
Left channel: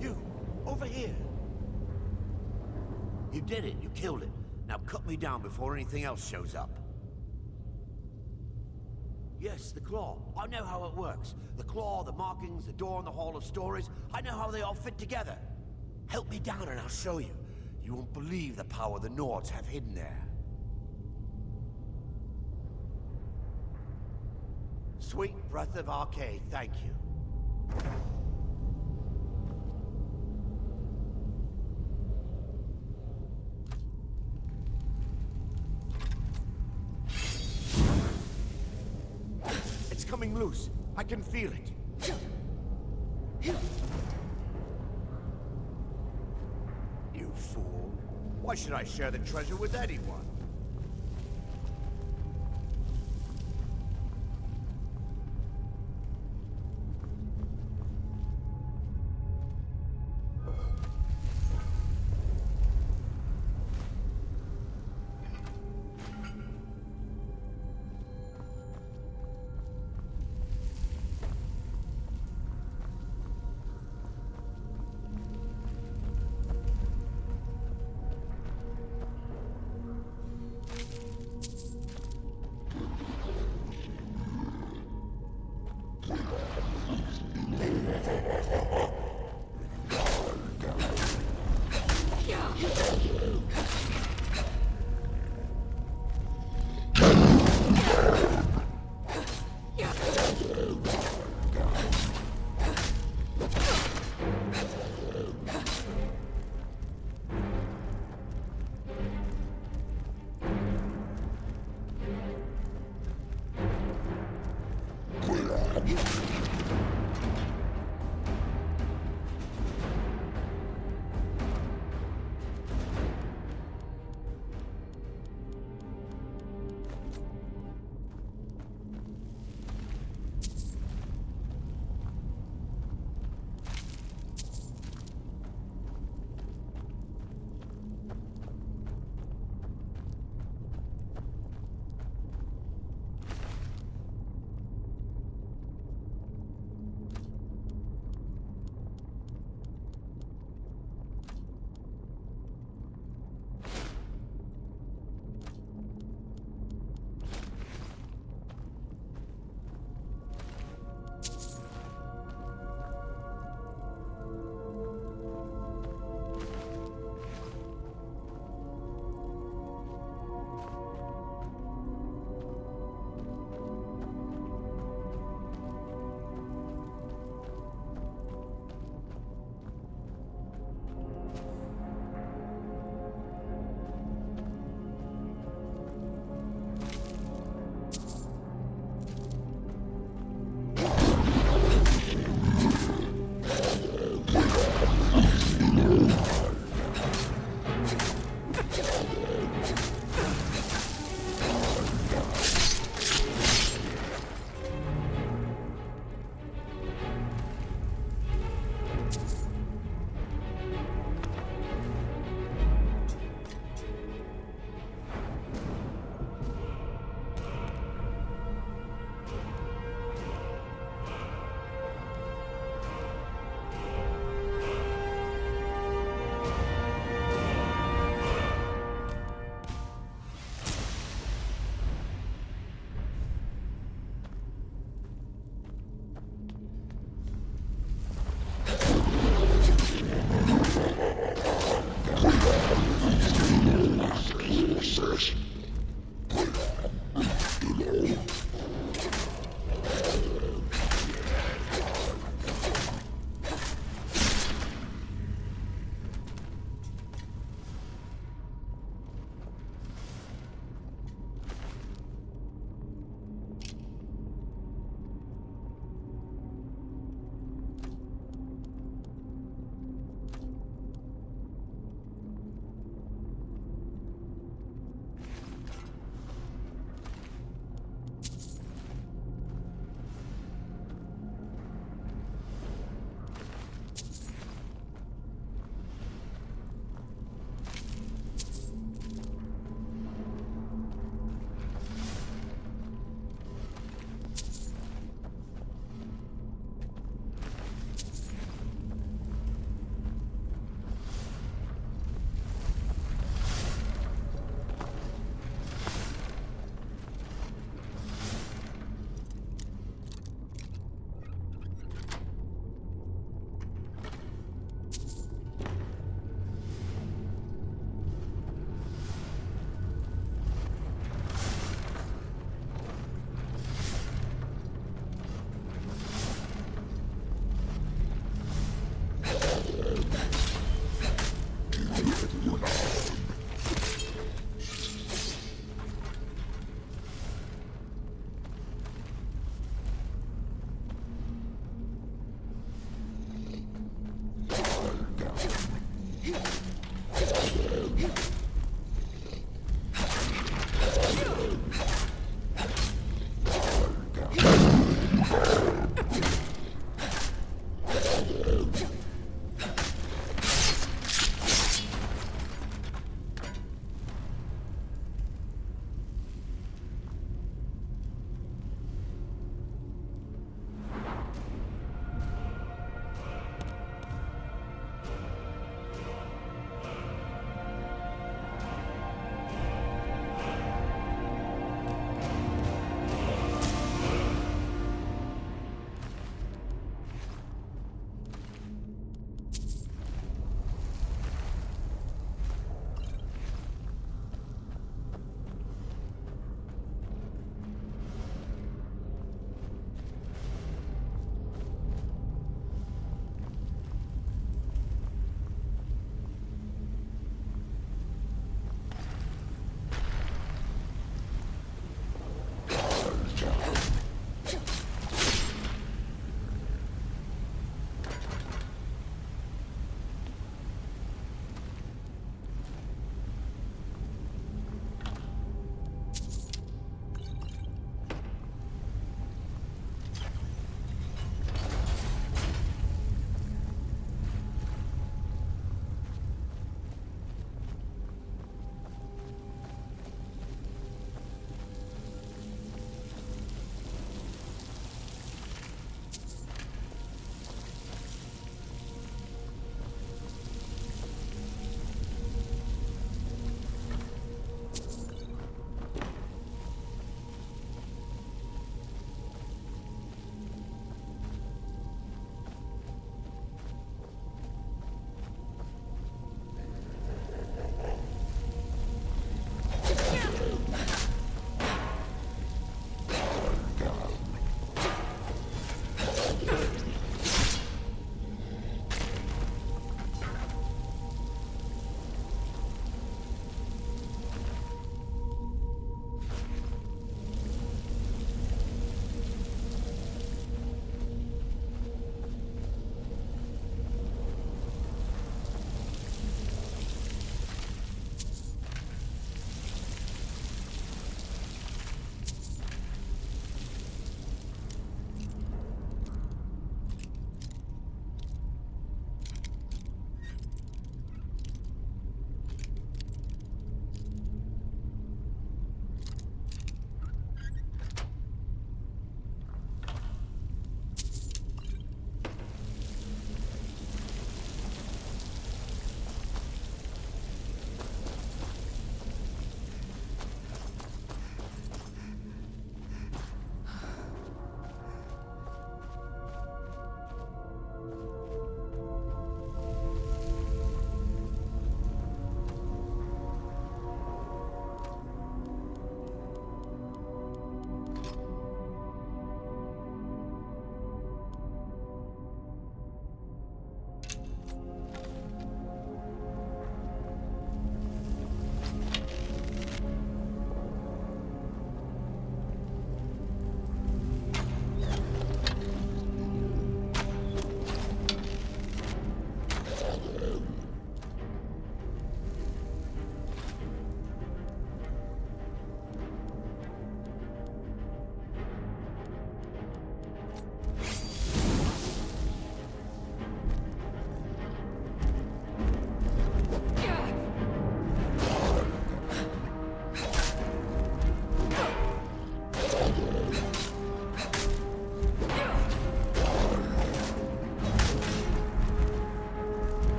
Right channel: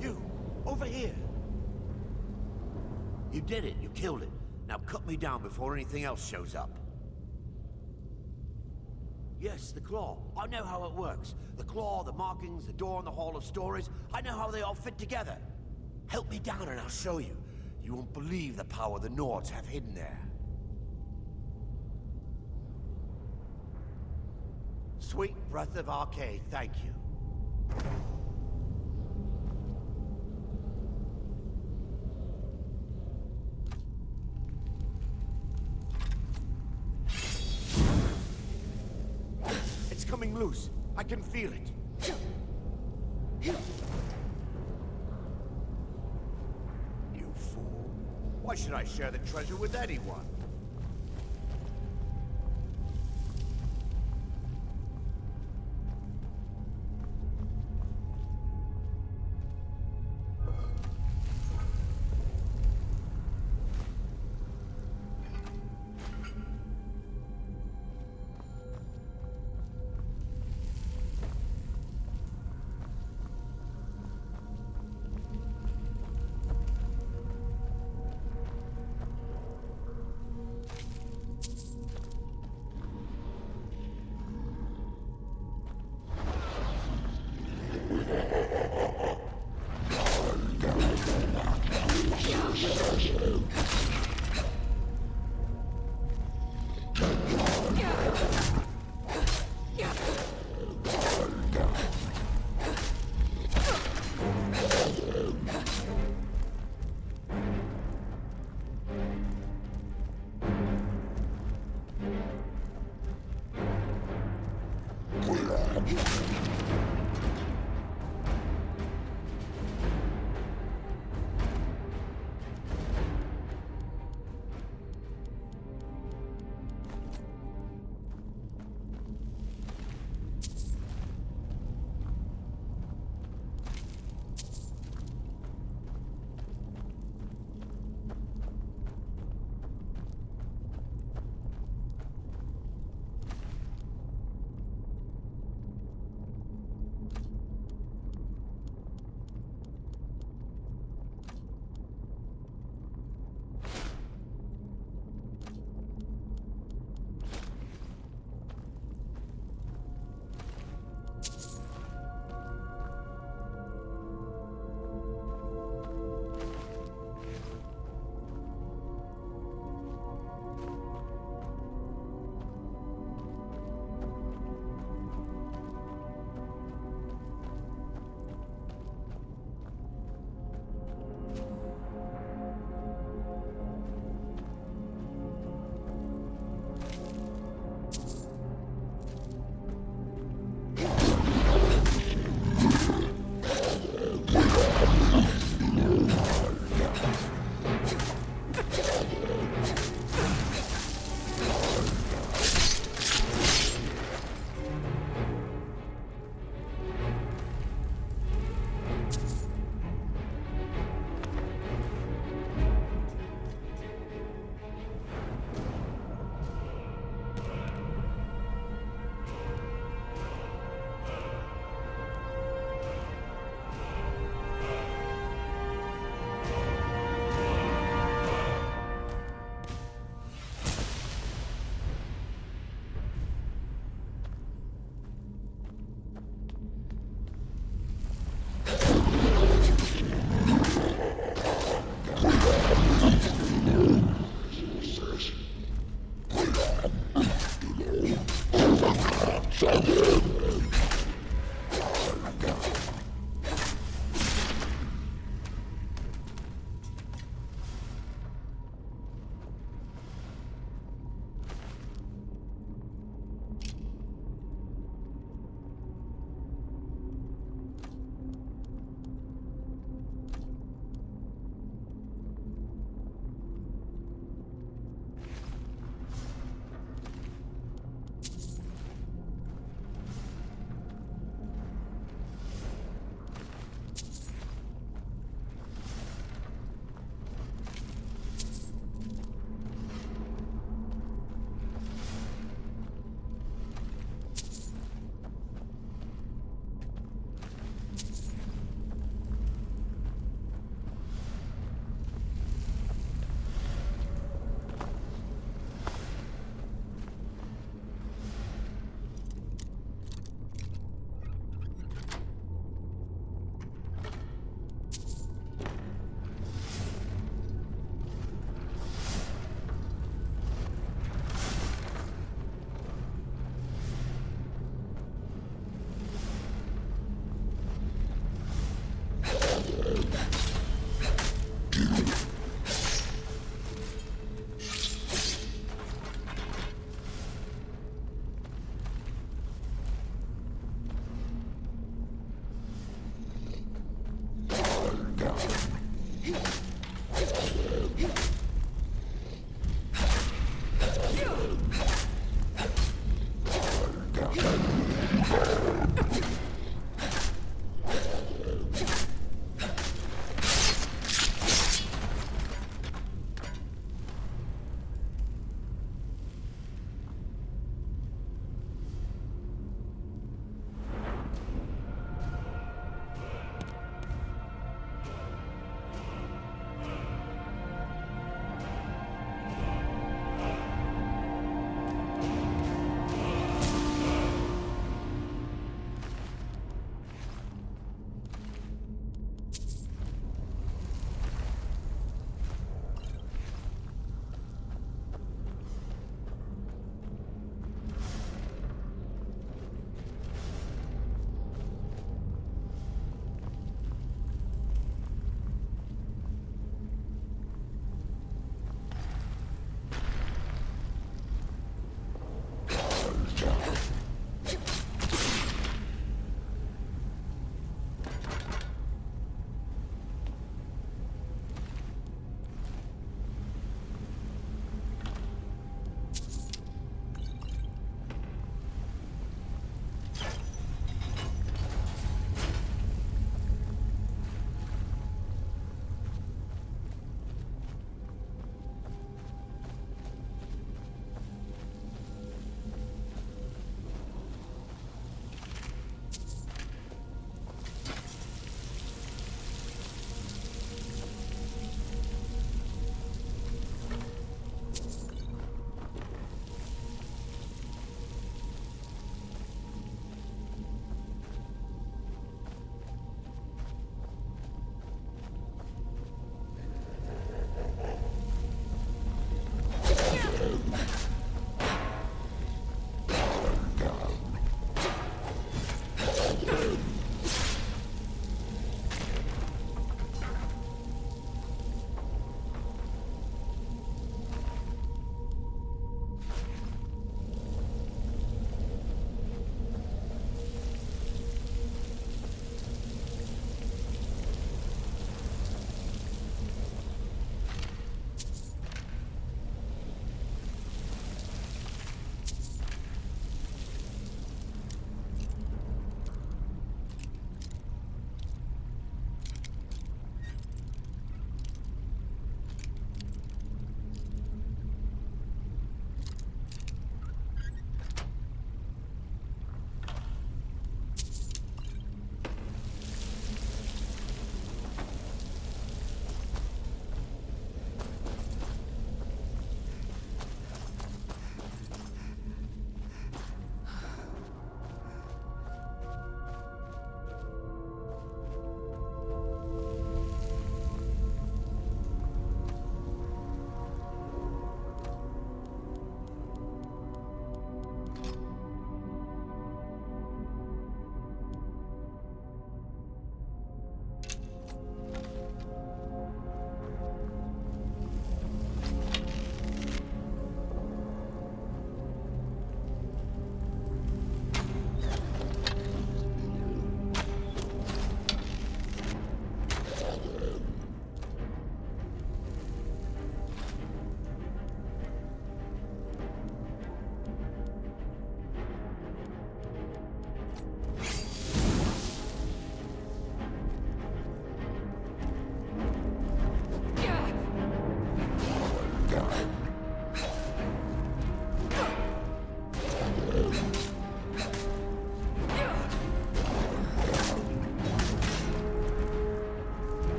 You! Over here! You did it. You killed it. Now cut me down before anything else shows up. Yes, the claw. I know how it works. The claw, the markings, the door in the Hall of Stories. I know how they all fit together. Help me down and I'll show you. You won't believe the power the Nords have hidden there. Sweet breath of Arcade, thank you. It's coming loose. I can feel it. You fool. Why should I share the treasure with anyone?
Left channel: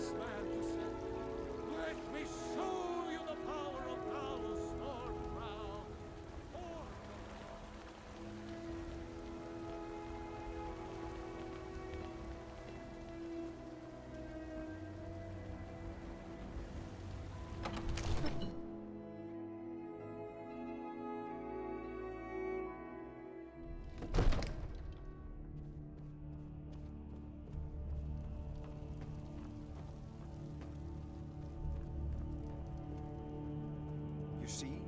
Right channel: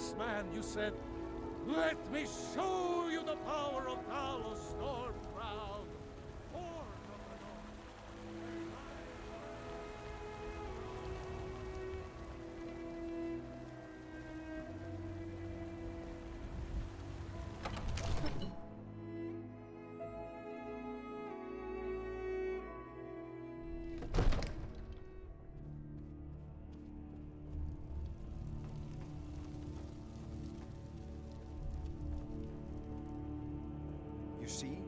last man, you said, "Let me show you the power of Talos Stormcrown." See?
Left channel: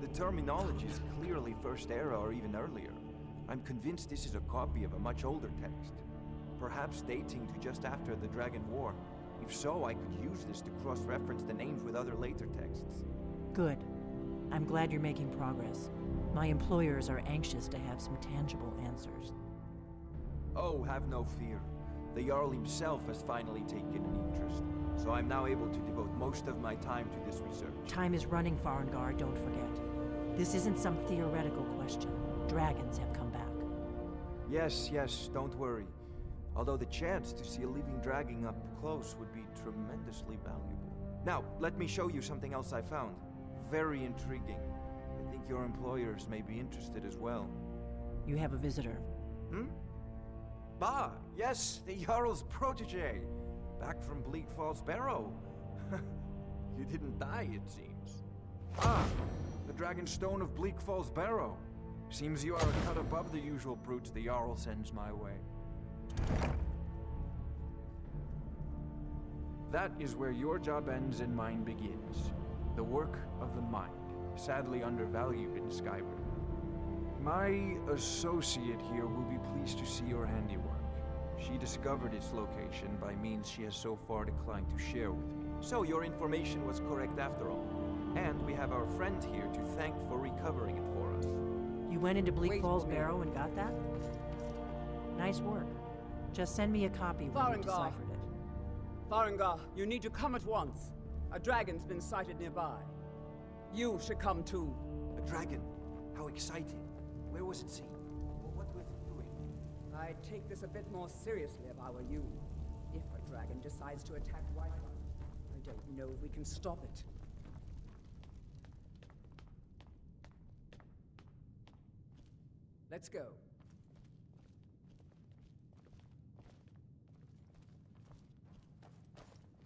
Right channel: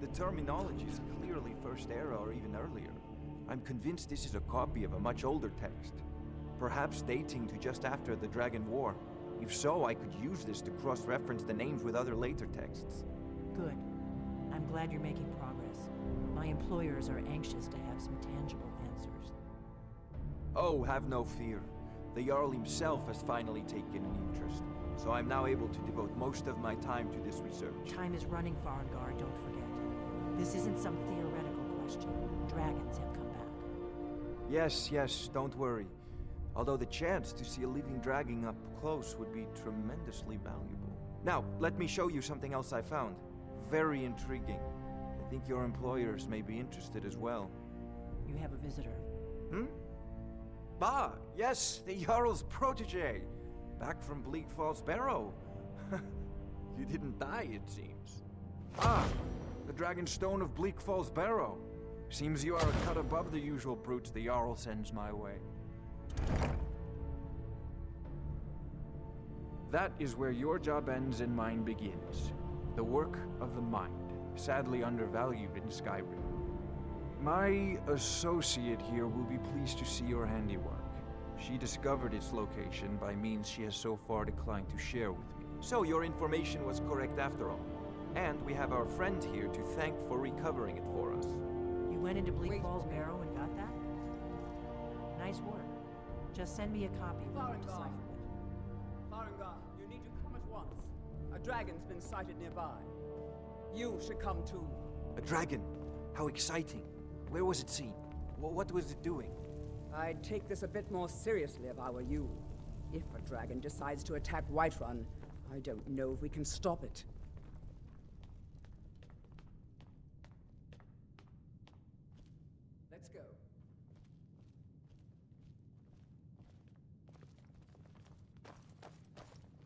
The terminology is clearly First Era or even earlier. I'm convinced this is a copy of a much older text. Perhaps dating to just after the Dragon War. If so, I could use this to cross-reference the names with other later texts. Good. I'm glad you're making progress. My employers are anxious to have some tangible answers. Oh, have no fear. The Jarl himself has finally taken an interest, so I'm now able to devote most of my time to this research. Time is running, Farengar, don't forget. This isn't some theoretical question. Dragons have come back. Yes, don't worry. Although the chance to see a living dragon up close would be tremendously valuable. Now, let me show you something else I found. Very intriguing. I think your employers may be interested as well. You have a visitor. Ah, yes, the Jarl's protege. Back from Bleak Falls Barrow. You didn't die, it seems. Ah, the Dragon Stone of Bleak Falls Barrow. Seems you are a cut above the usual brutes the Jarl sends my way. That is where your job ends and mine begins. The work of the mind, sadly undervalued in Skyrim. My associate here will be pleased to see your handiwork. She discovered its location by means she has so far declined to share with me. So your information was correct after all. And we have our friend here to thank for recovering it for us. You went into Bleak Falls Barrow and got that? Nice work. Just send me a copy when you deciphered it. Farengar, you need to come at once. A dragon's been sighted nearby. You should come too. A dragon? How exciting. Where was it seen? What was it doing? I'd take this a bit more seriously if I were you. If a dragon decides to attack Whiterun, I don't know if we can stop it. Let's go.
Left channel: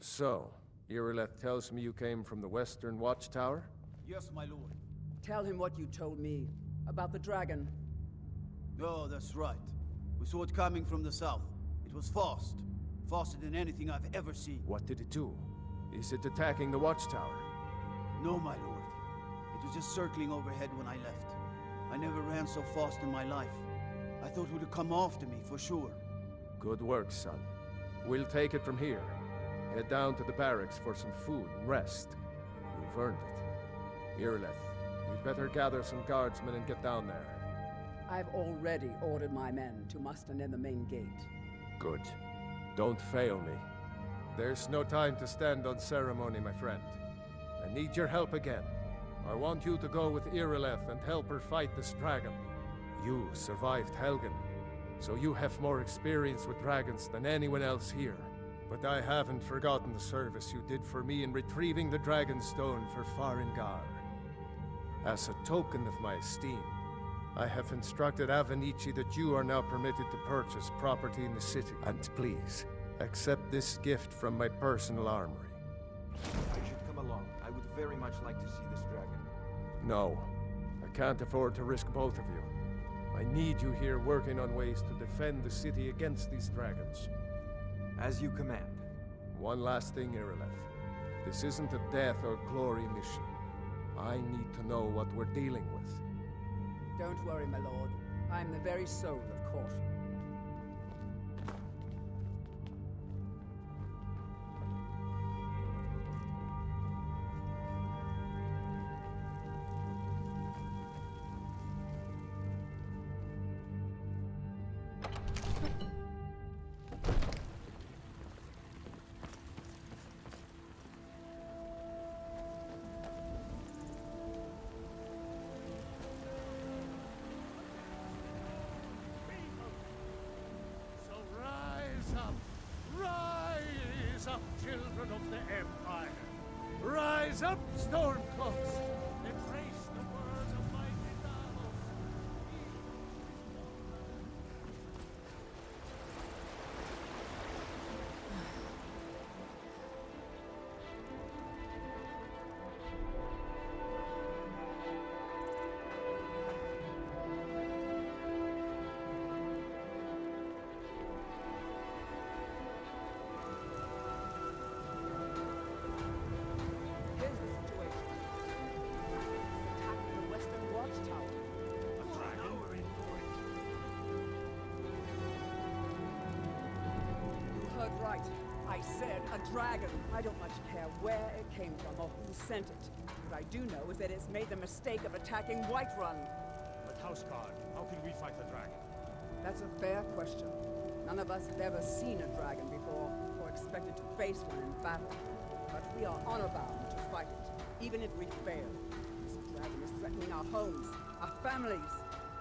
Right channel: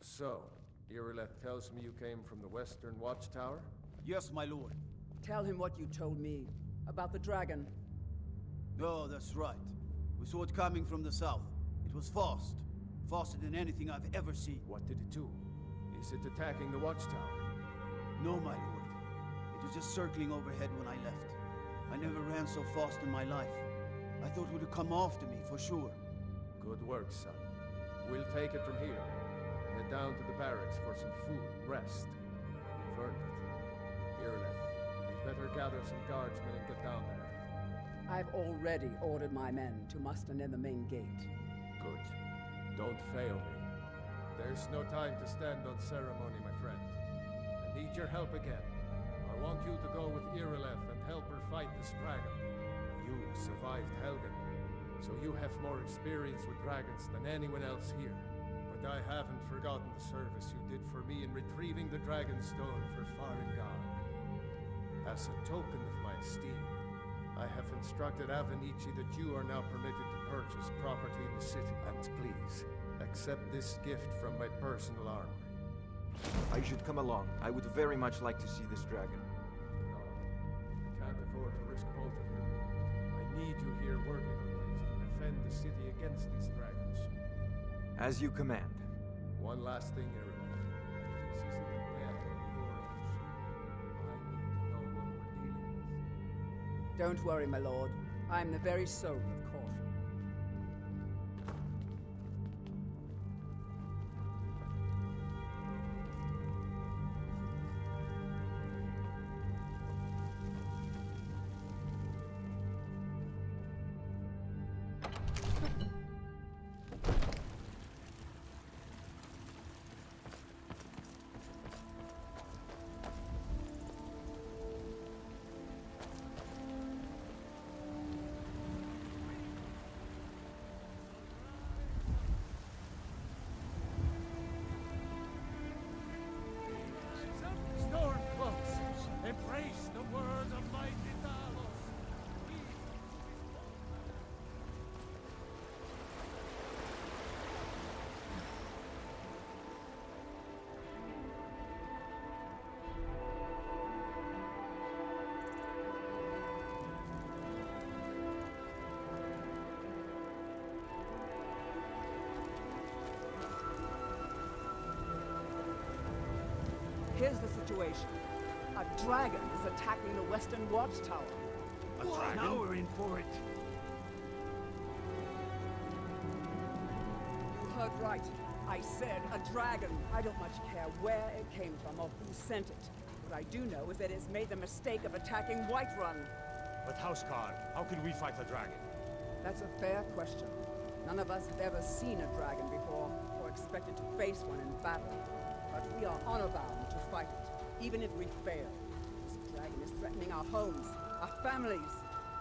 So, Irileth tells me you came from the Western Watchtower? Yes, my lord. Tell him what you told me about the dragon. Oh, that's right. We saw it coming from the south. It was fast. Faster than anything I've ever seen. What did it do? Is it attacking the Watchtower? No, my lord. It was just circling overhead when I left. I never ran so fast in my life. I thought it would come after me, for sure. Good work, son. We'll take it from here. Head down to the barracks for some food and rest. You've earned it. Irileth, you'd better gather some guardsmen and get down there. I've already ordered my men to muster near the main gate. Good. Don't fail me. There's no time to stand on ceremony, my friend. I need your help again. I want you to go with Irileth and help her fight this dragon. You survived Helgen, so you have more experience with dragons than anyone else here. But I haven't forgotten the service you did for me in retrieving the Dragon Stone for Farengar. As a token of my esteem, I have instructed Avenici that you are now permitted to purchase property in the city. And please, accept this gift from my personal armory. I should come along. I would very much like to see this dragon. No, I can't afford to risk both of you. I need you here working on ways to defend the city against these dragons. As you command. One last thing, Irileth. This isn't a death or glory mission. I need to know what we're dealing with. Don't worry, my lord. I'm the very soul of caution. up, Stormcloaks! Embrace the word of mighty Talos! Here's the situation. A dragon is attacking the western watchtower. A dragon? Now we're in for it. You heard right. I said a dragon. I don't much care where it came from or who sent it. What I do know is that it's made the mistake of attacking Whiterun. But Houseguard, how can we fight the dragon? That's a fair question. None of us have ever seen a dragon before, or expected to face one in battle. But we are honor-bound to fight it, even if we fail. This dragon is threatening our homes, our families.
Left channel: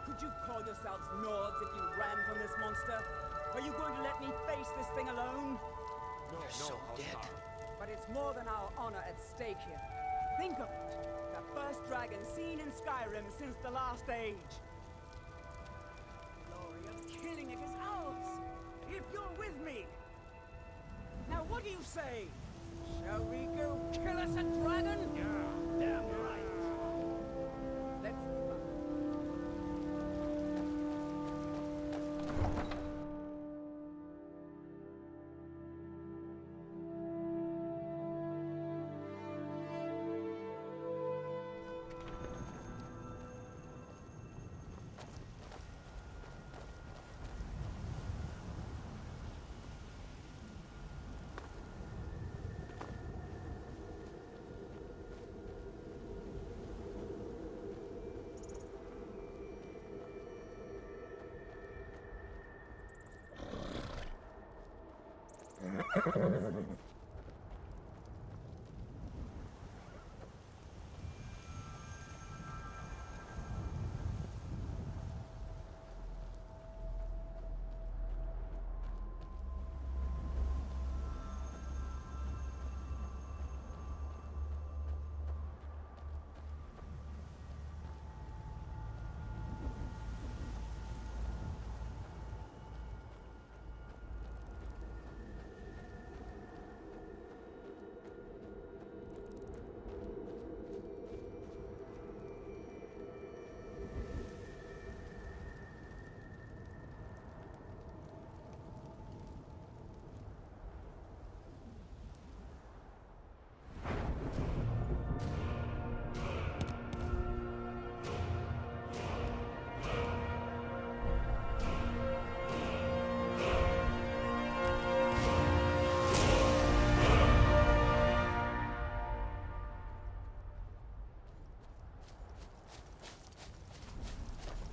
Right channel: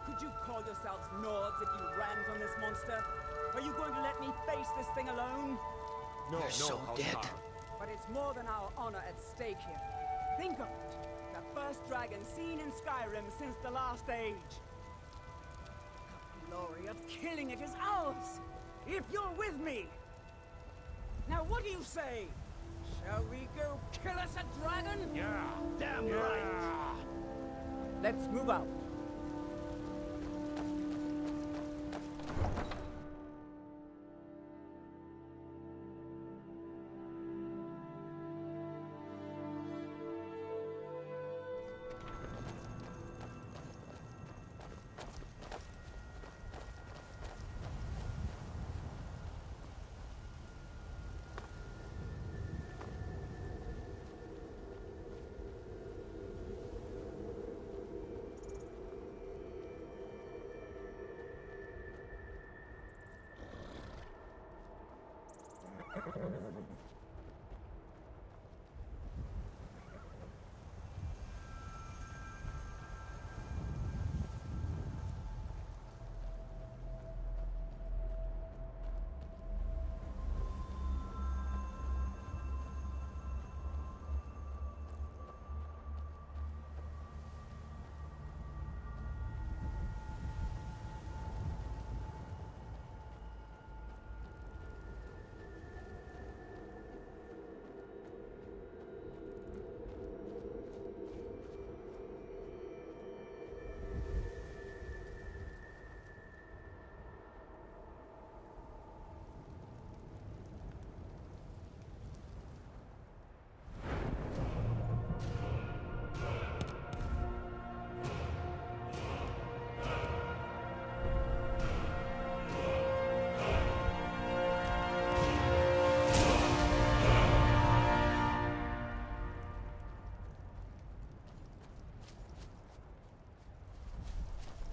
Could you call yourselves Nords if you ran from this monster? Are you going to let me face this thing alone? No, Houseguard. But it's more than our honor at stake here. Think of it. The first dragon seen in Skyrim since the last age. The glory of killing it is ours, if you're with me. Now what do you say? Shall we go kill us a dragon? Yeah. Damn right. Let's move out.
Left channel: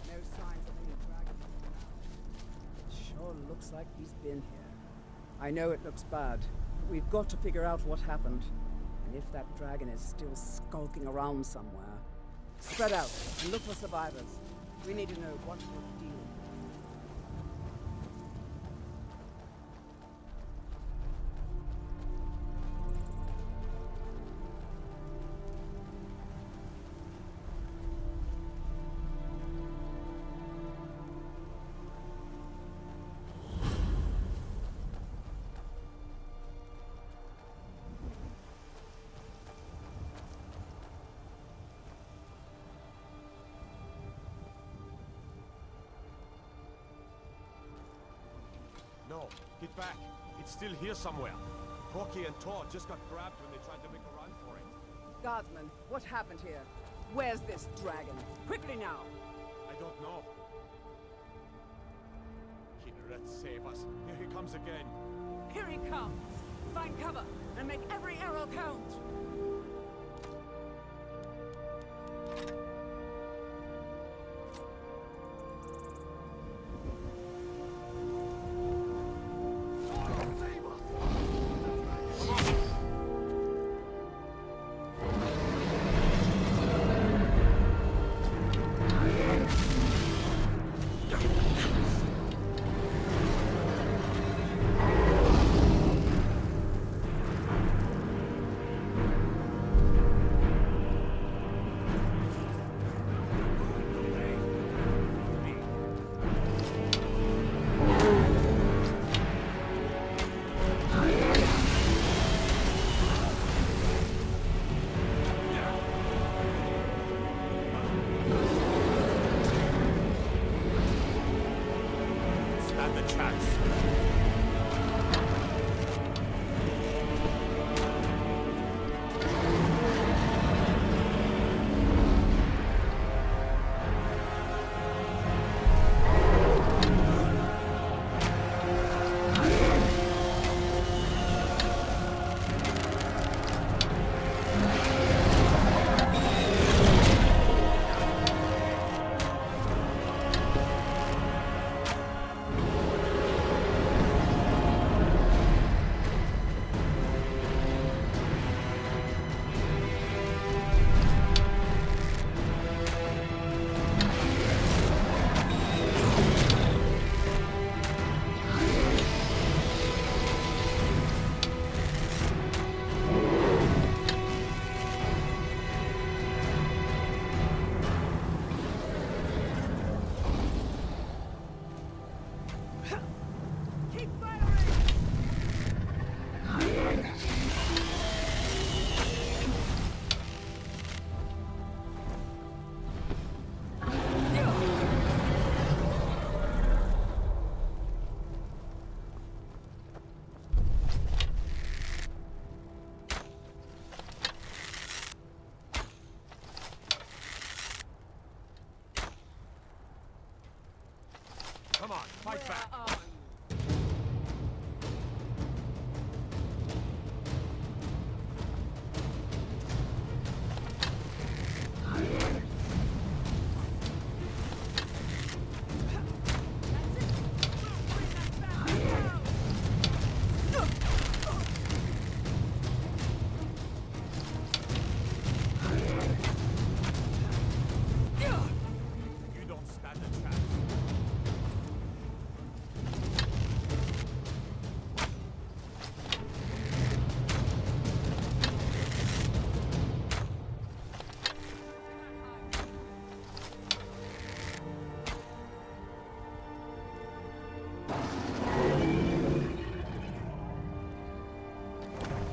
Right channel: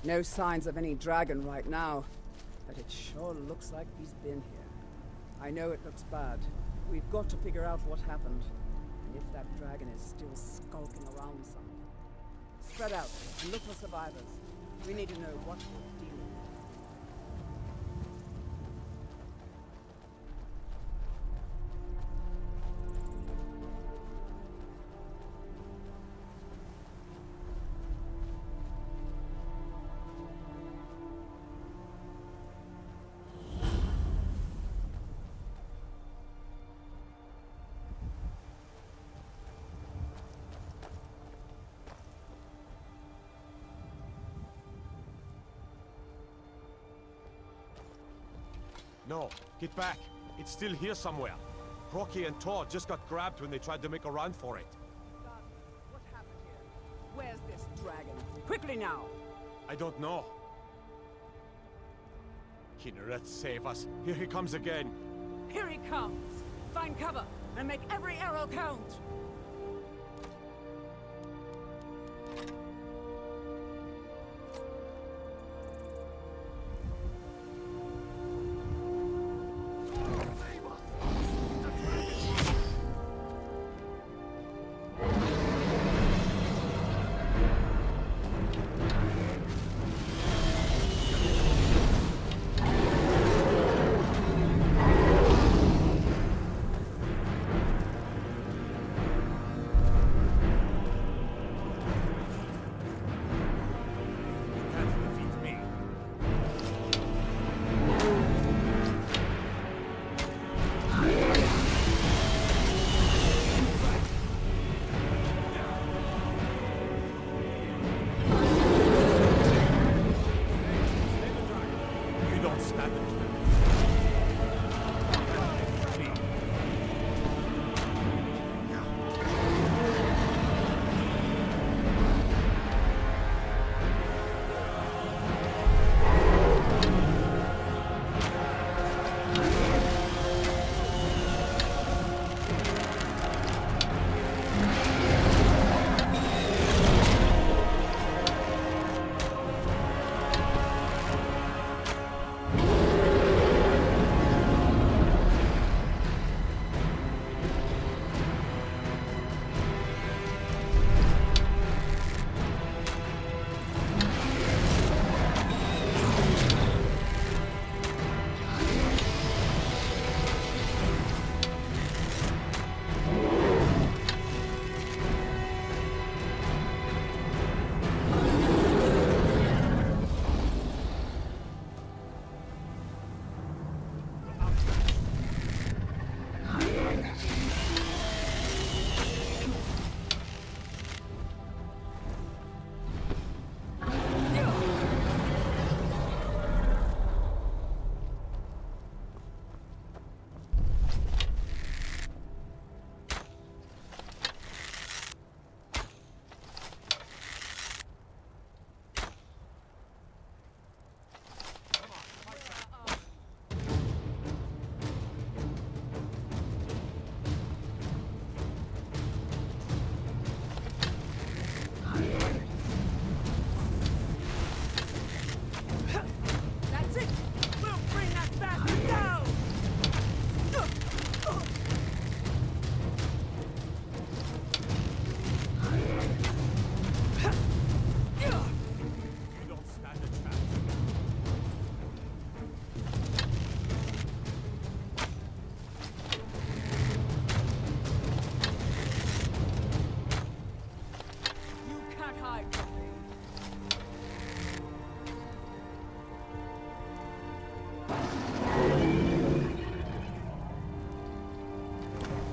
No signs of any dragon right now, but it sure looks like he's been here. I know it looks bad, but we've got to figure out what happened, and if that dragon is still skulking around somewhere. Spread out and look for survivors. We need to know what we're dealing with. No, get back. It's still here somewhere. Rocky and Todd just got grabbed when they tried to make a run for it. Guardsman, what happened here? Where's this dragon? Quickly now! I don't know. Kinneret, save us. Here he comes again. Here he comes! Find cover and make every arrow count!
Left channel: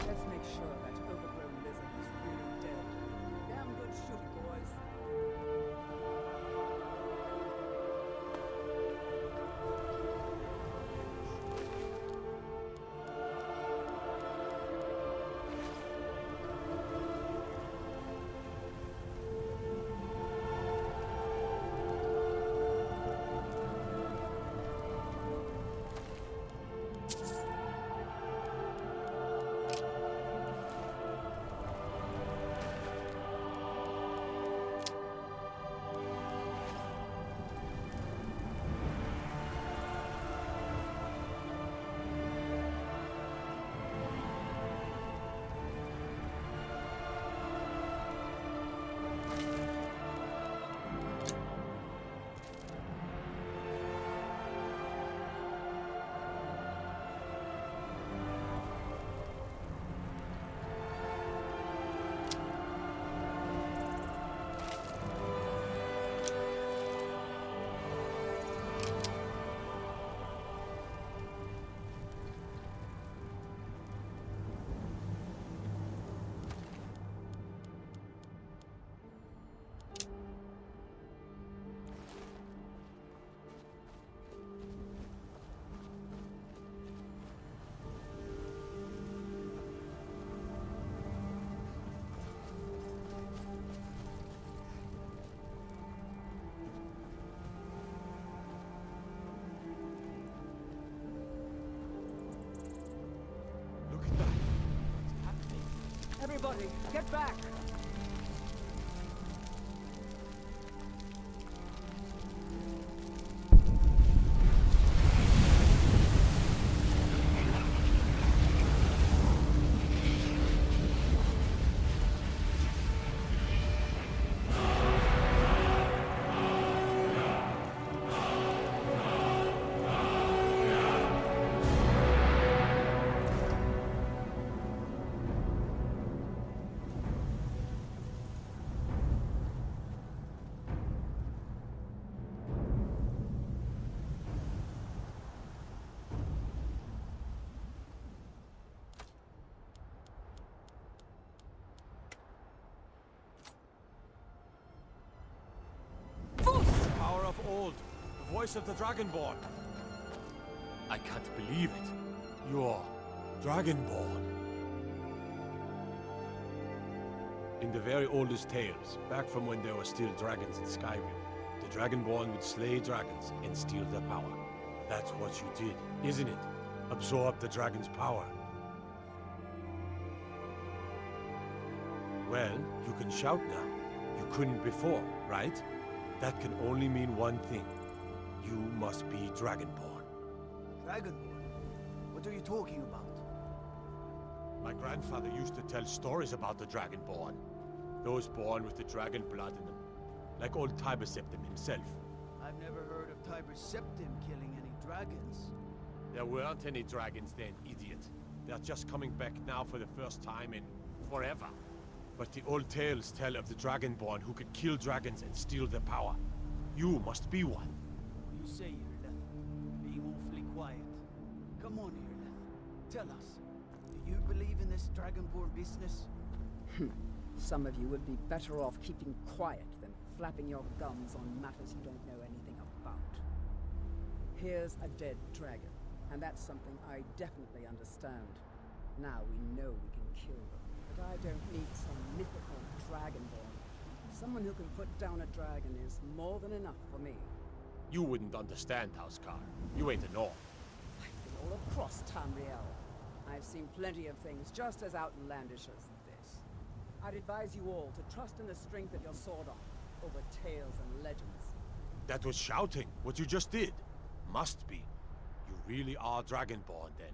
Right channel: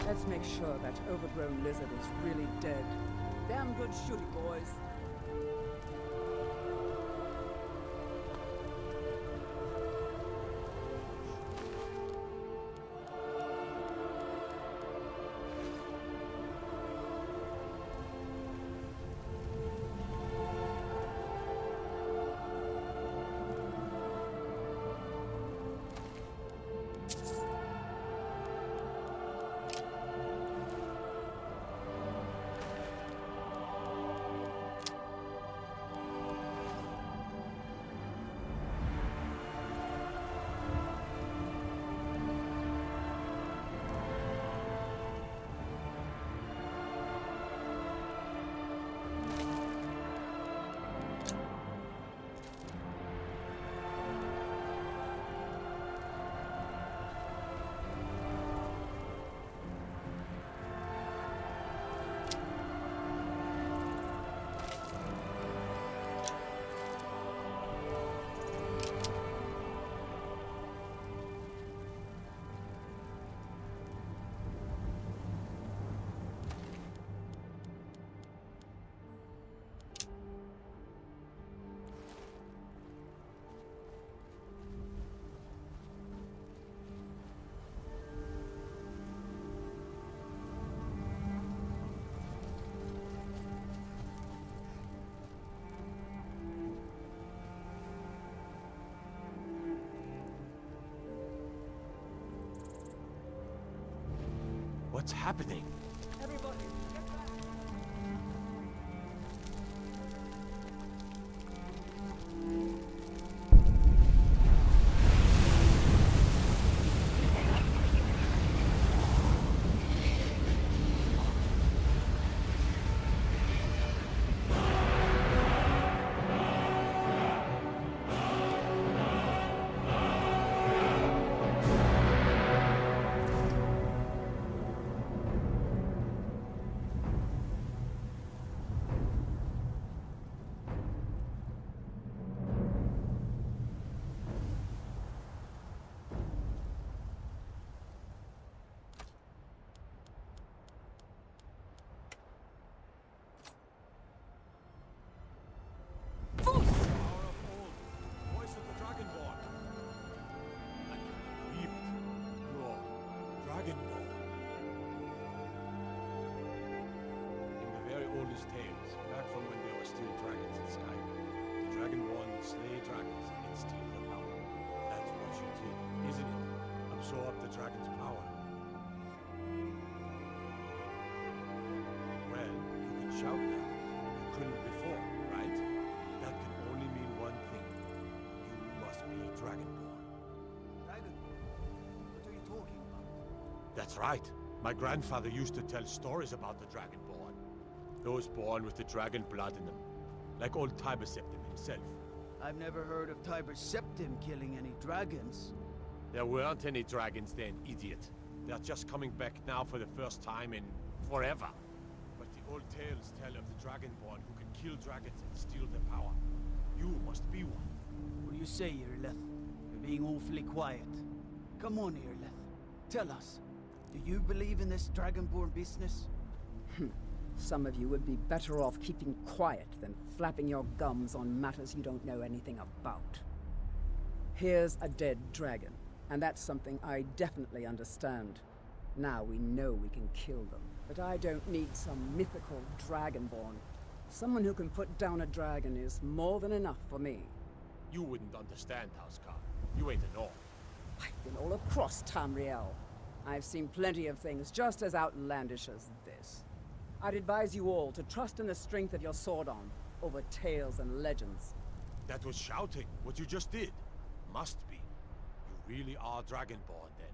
Let's make sure that overgrown lizard is really dead. Damn good shooting, boys. What's happening? Everybody, get back! Power of old. The voice of the Dragonborn. I can't believe it. You're Dragonborn. In the very oldest tales, back from when there were still dragons in Skyrim, the Dragonborn would slay dragons and steal their power. That's what you did, isn't it? Absorb the dragon's power. Well, you can shout now. You couldn't before, right? That can only mean one thing. You must be Dragonborn. Dragonborn? What are you talking about? That's right. My grandfather used to tell stories about the Dragonborn. Those born with the dragon blood in them. Like old Tiber Septim himself. I've never heard of Tiber Septim killing any dragons. There weren't any dragons then, idiot. They're just coming back now for the first time in forever. But the old tales tell of the Dragonborn who could kill dragons and steal their power. You must be one. What do you say, Irleth? You're being awfully quiet. Come on, Irleth. Tell us. Do you believe in this Dragonborn business? Some of you would be better off keeping quiet than flapping your gums on matters you don't know anything about. Here's a dead dragon, and that's something I definitely understand. Now we know we can kill them. But I don't need some mythical Dragonborn. Someone who can put down a dragon is more than enough for me. You wouldn't understand, Housecar. You ain't a North. I've been all across Tamriel. I've seen plenty of things just as outlandish as this. I'd advise you all to trust in the strength of your sword arm over tales and legends. That was shouting, what you just did. Must be. You really are Dragonborn, then.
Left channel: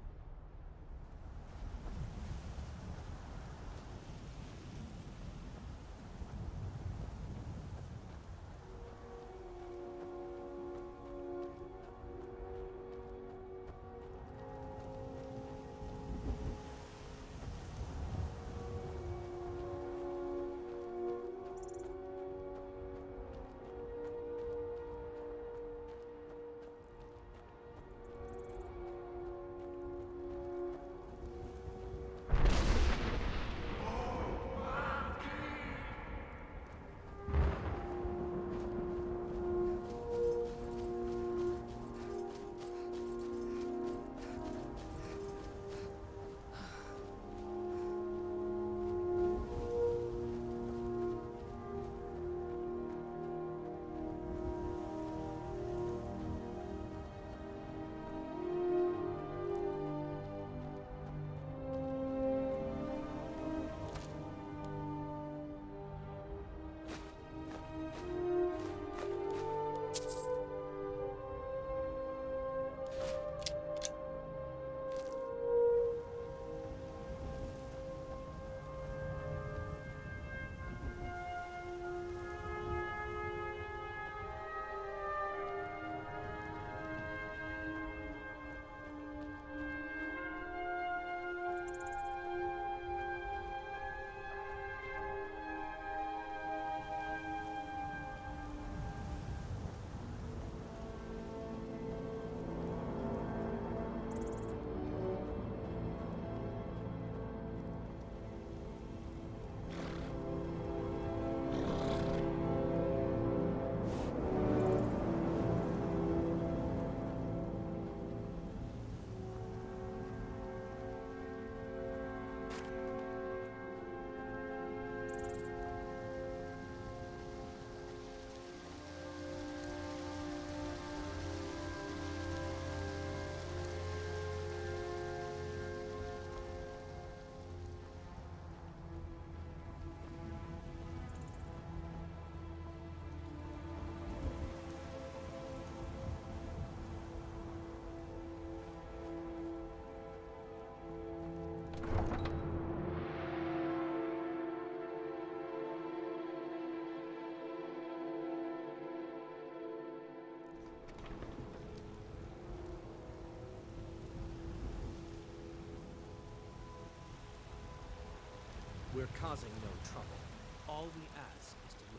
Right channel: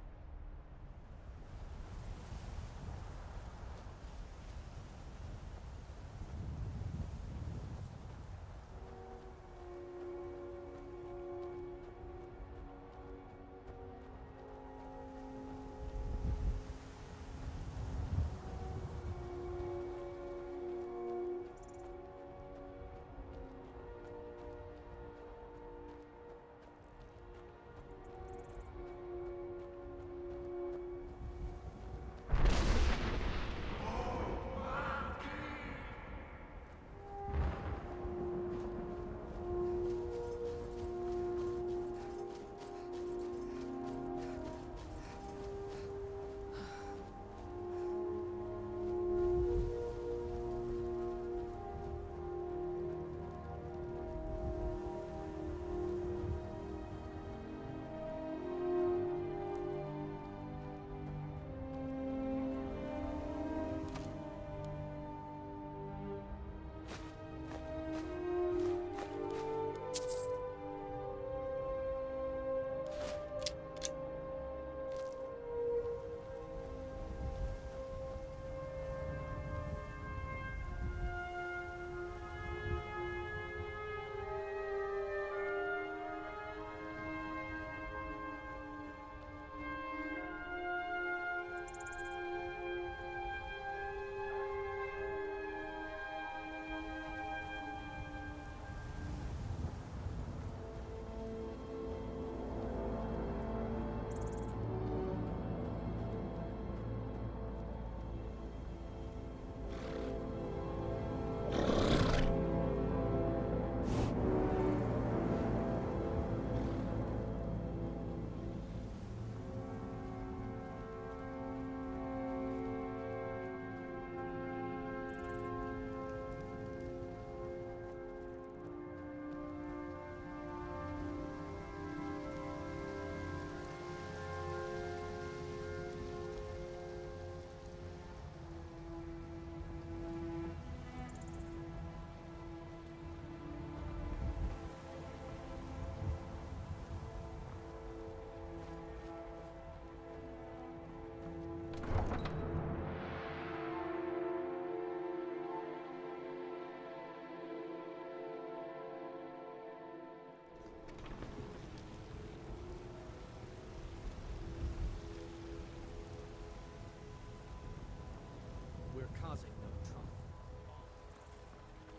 We're causing no trouble. All we ask is to do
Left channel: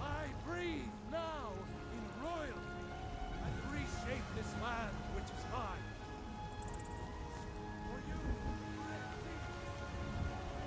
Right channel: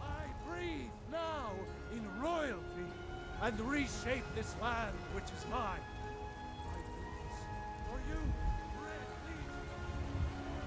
I breathe now in royalty and reshape this land which is mine. I do this for you, Red Legion.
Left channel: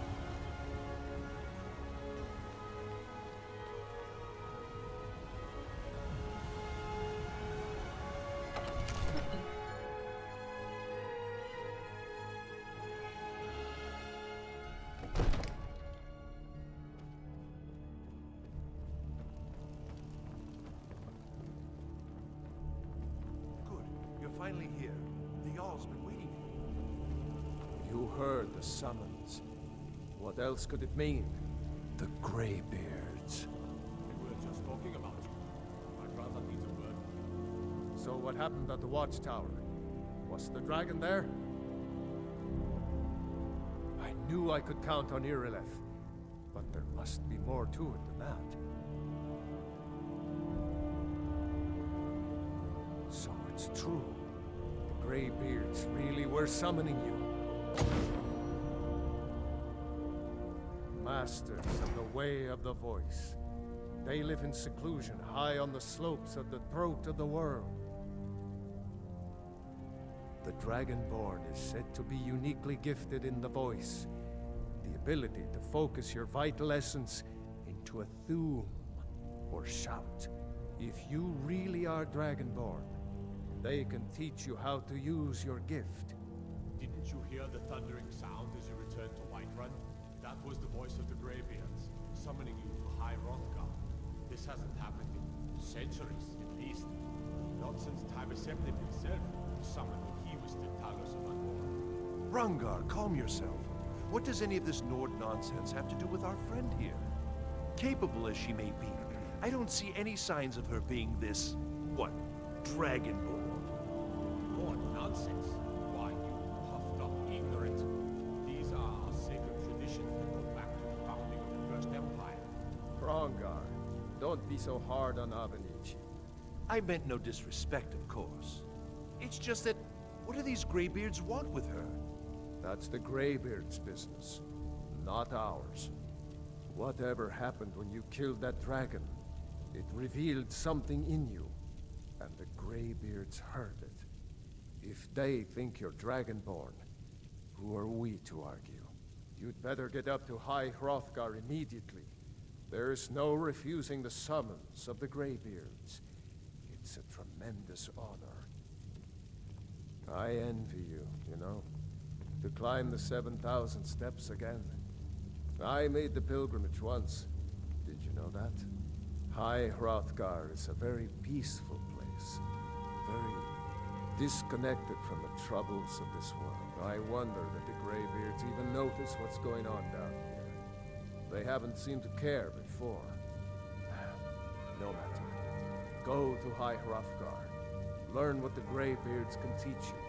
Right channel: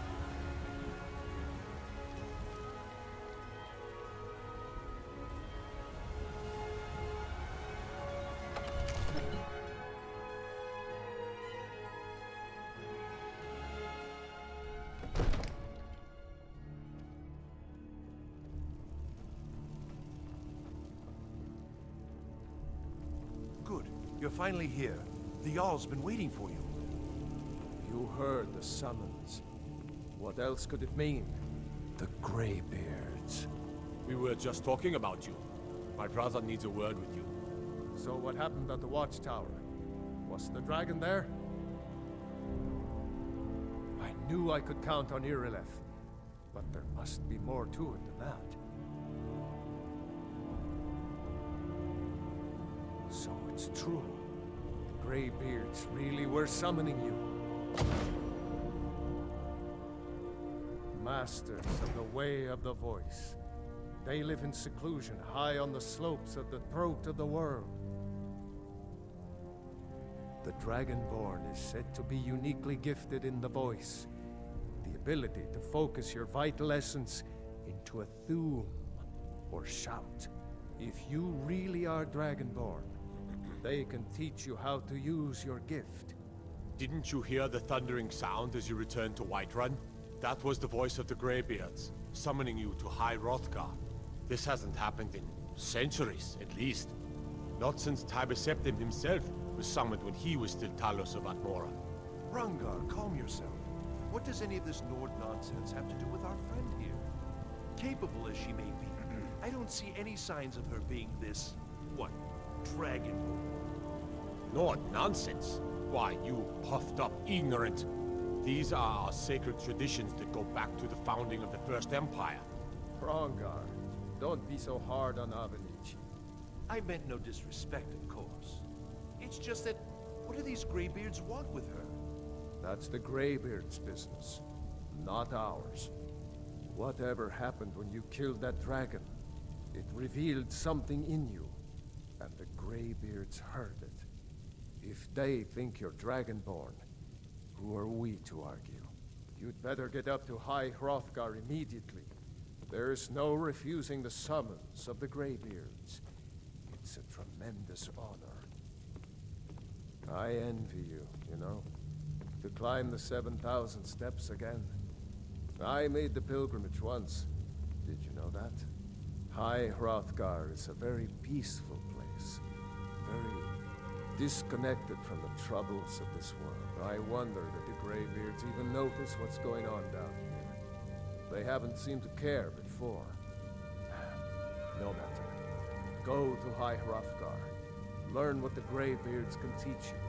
Good. You're finally here. The Jarl's been waiting for you. You heard the summons. What else could it mean? The Greybeards. We were just talking about you. My brother needs a word with you. So what happened at the watchtower? Was the dragon there? I knew I could count on Irileth, but there must be more to it than that. So it's true. The Greybeards really were summoning you. Masters of the Way of the Voice. They live in seclusion, high on the slopes of the throat of the world. The Dragonborn is said to be uniquely gifted in the voice. The ability to focus your vital essence into a thum, or shout. If you really are Dragonborn, they can teach you how to use your gift. Didn't you hear the thundering sound as you returned to Whiterun? That was the voice of the Greybeards, summoning you to High Hrothgar. This hasn't happened in centuries, at least. Not since Tibeseptim himself was summoned when he was still Talos of Atmora. Rungar, calm yourself. What does any of this Nord nonsense have to do with our friend here? Capable as she may be, I don't see any signs of her being this, what, Dragonborn? Nord nonsense? Why, you puffed up ignorant. These are our sacred traditions that go back to the founding of the First Empire. Hrongar, don't be so hard on Avenici. I meant no disrespect, of course. It's just that, what do these Greybeards want with her? That's the Greybeards' business, not ours. Whatever happened when you killed that dragon, it revealed something in you, and the Greybeards heard it. If they think you're Dragonborn, who are we to argue? You'd better get up to High Hrothgar immediately. There's no refusing the summons of the Greybeards. It's a tremendous honor. I envy you, you know, to climb the 7,000 steps again. I made the pilgrimage once. Did you know that? High Hrothgar is a very peaceful place. Very disconnected from the troubles of this world. I wonder that the Greybeards even notice what's going on down here. They haven't seemed to care before. No matter. Go to High Hrothgar. Learn what the Greybeards can teach you.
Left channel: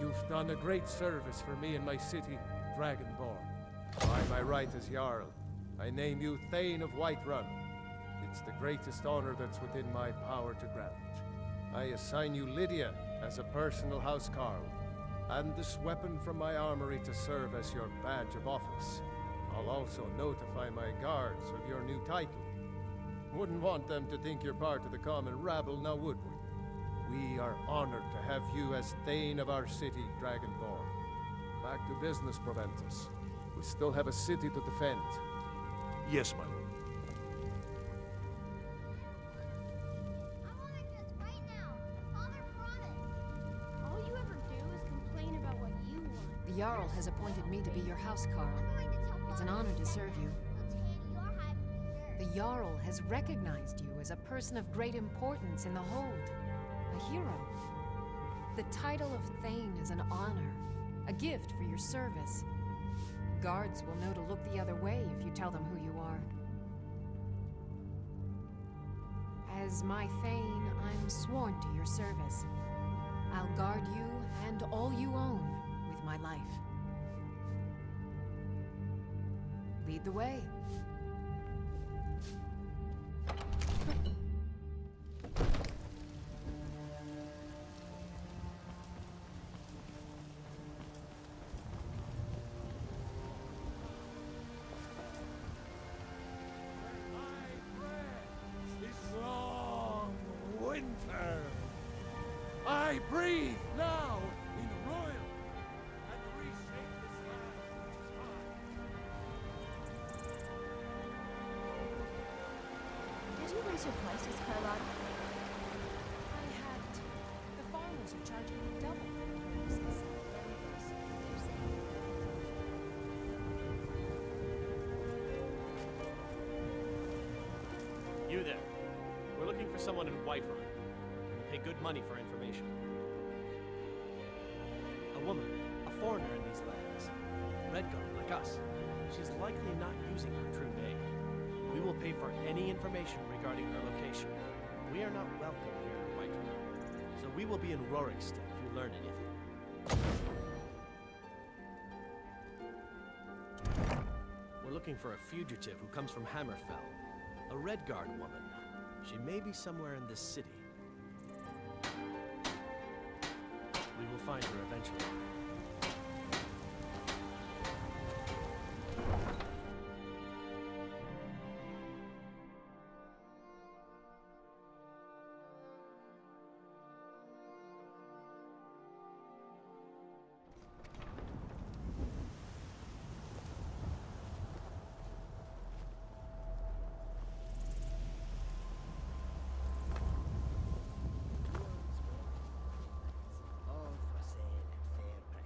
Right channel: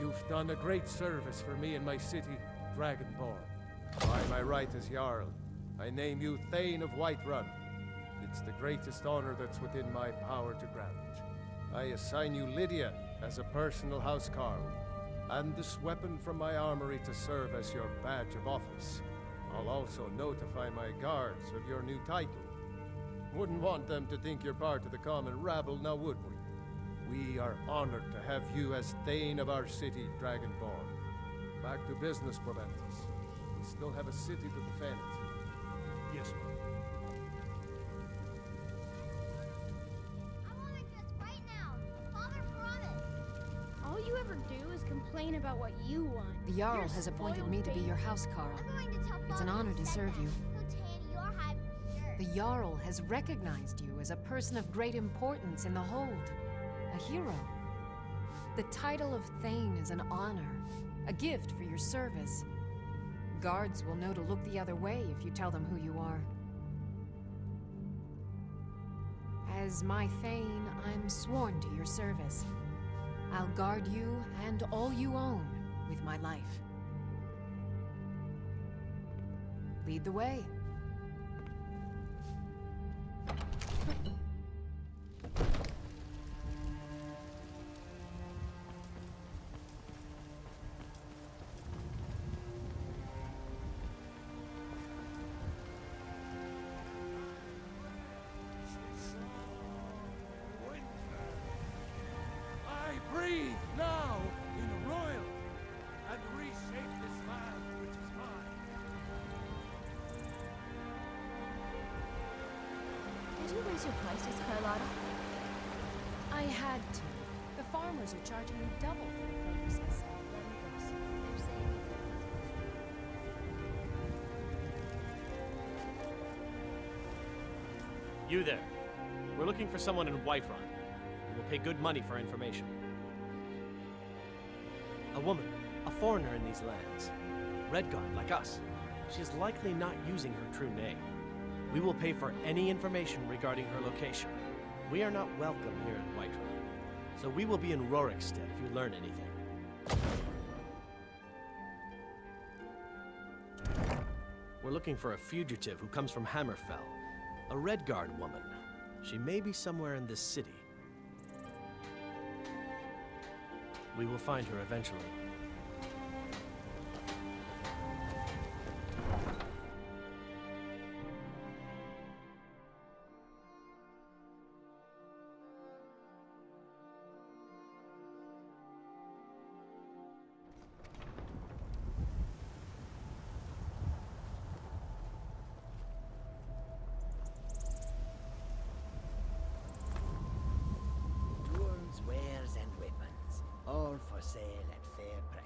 You've done a great service for me and my city, Dragonborn. By my right as Jarl, I name you Thane of Whiterun. It's the greatest honor that's within my power to grant. I assign you Lydia as a personal housecarl, and this weapon from my armory to serve as your badge of office. I'll also notify my guards of your new title. Wouldn't want them to think you're part of the common rabble, now would we? We are honored to have you as Thane of our city, Dragonborn. Back to business, Proventus. We still have a city to defend. Yes, my lord. I want to just right now. Father promised. All you ever do is complain about what you want. The Jarl has appointed me to be your housecarl. I'm going to tell It's an Father honor you to said serve that. you. He'll tan your hide for sure. The Jarl has recognized you as a person of great importance in the Hold. A hero. The title of Thane is an honor, a gift for your service. Guards will know to look the other way if you tell them who you are. As my Thane, I'm sworn to your service. I'll guard you and all you own with my life. Lead the way. I breathe now in royal and reshape this land which is mine. Did you raise your prices, Carlotta? I had to. The farmers are charging me double for the produce I sell. Let me go see. They're saying it's You there. We're looking for someone in Whiterun. We will pay good money for information. A woman, a foreigner in these lands. Redguard, like us. She's likely not using her true name. We will pay for any information regarding her location. We are not welcome here in Whiterun, so we will be in Rorikstead if you learn anything. We're looking for a fugitive who comes from Hammerfell. A Redguard woman. She may be somewhere in this city. We will find her eventually. Tools, wares, and weapons, all for sale at fair prices.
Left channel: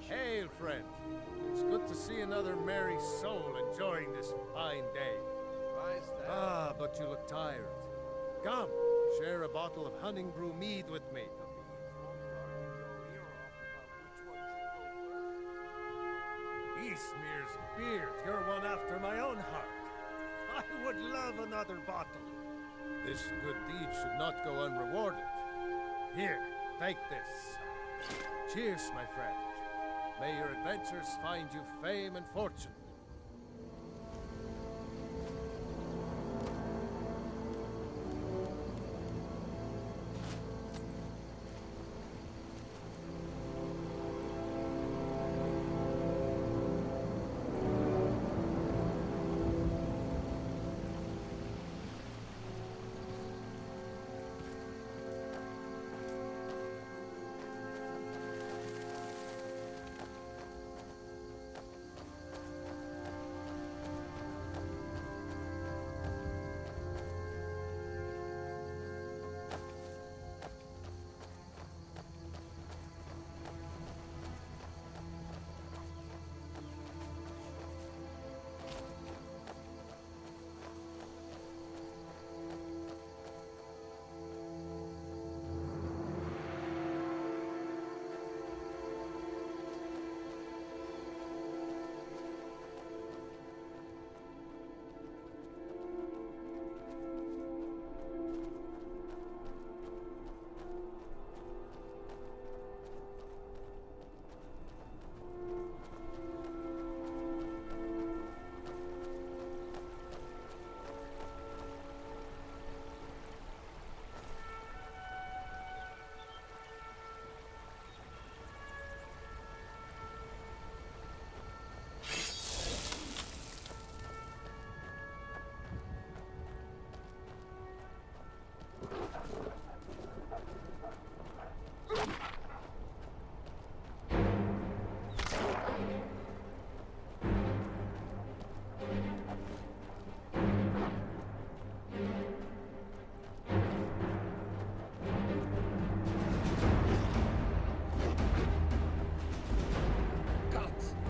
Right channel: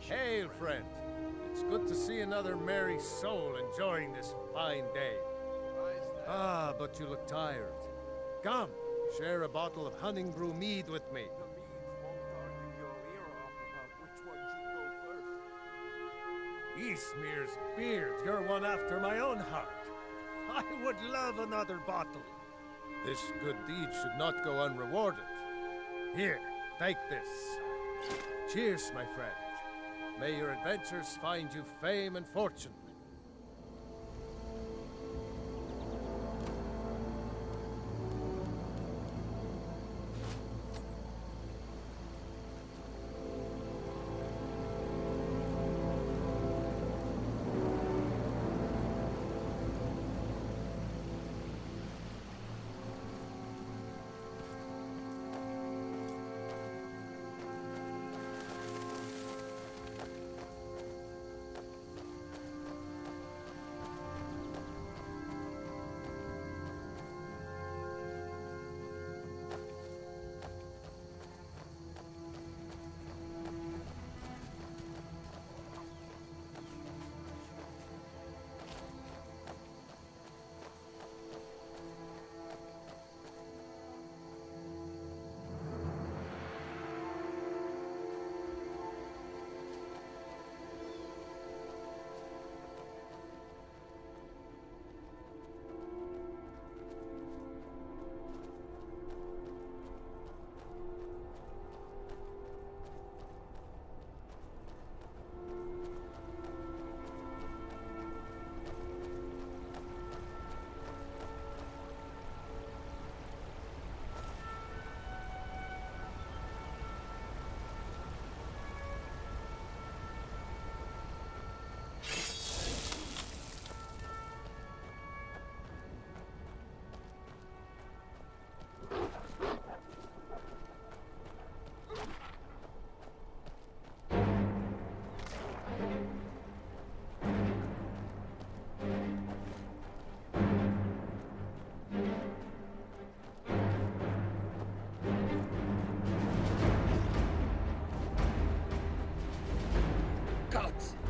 Hail, friend. It's good to see another merry soul enjoying this fine day. Ah, but you look tired. Come, share a bottle of Honningbrew mead with me. Eastmere's beard, you're one after my own heart. I would love another bottle. This good deed should not go unrewarded. Here, take this. Cheers, my friend. May your adventures find you fame and fortune.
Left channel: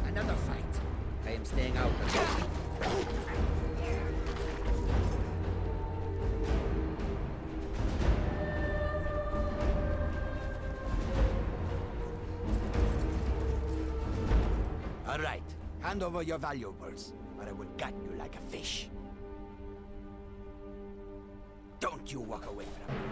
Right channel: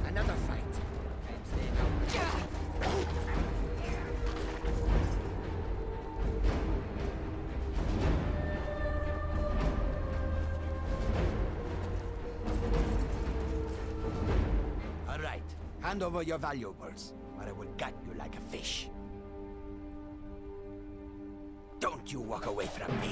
Another fight. I am staying out of it. All right. Hand over your valuables, or I will gut you like a fish. Don't you walk away from me.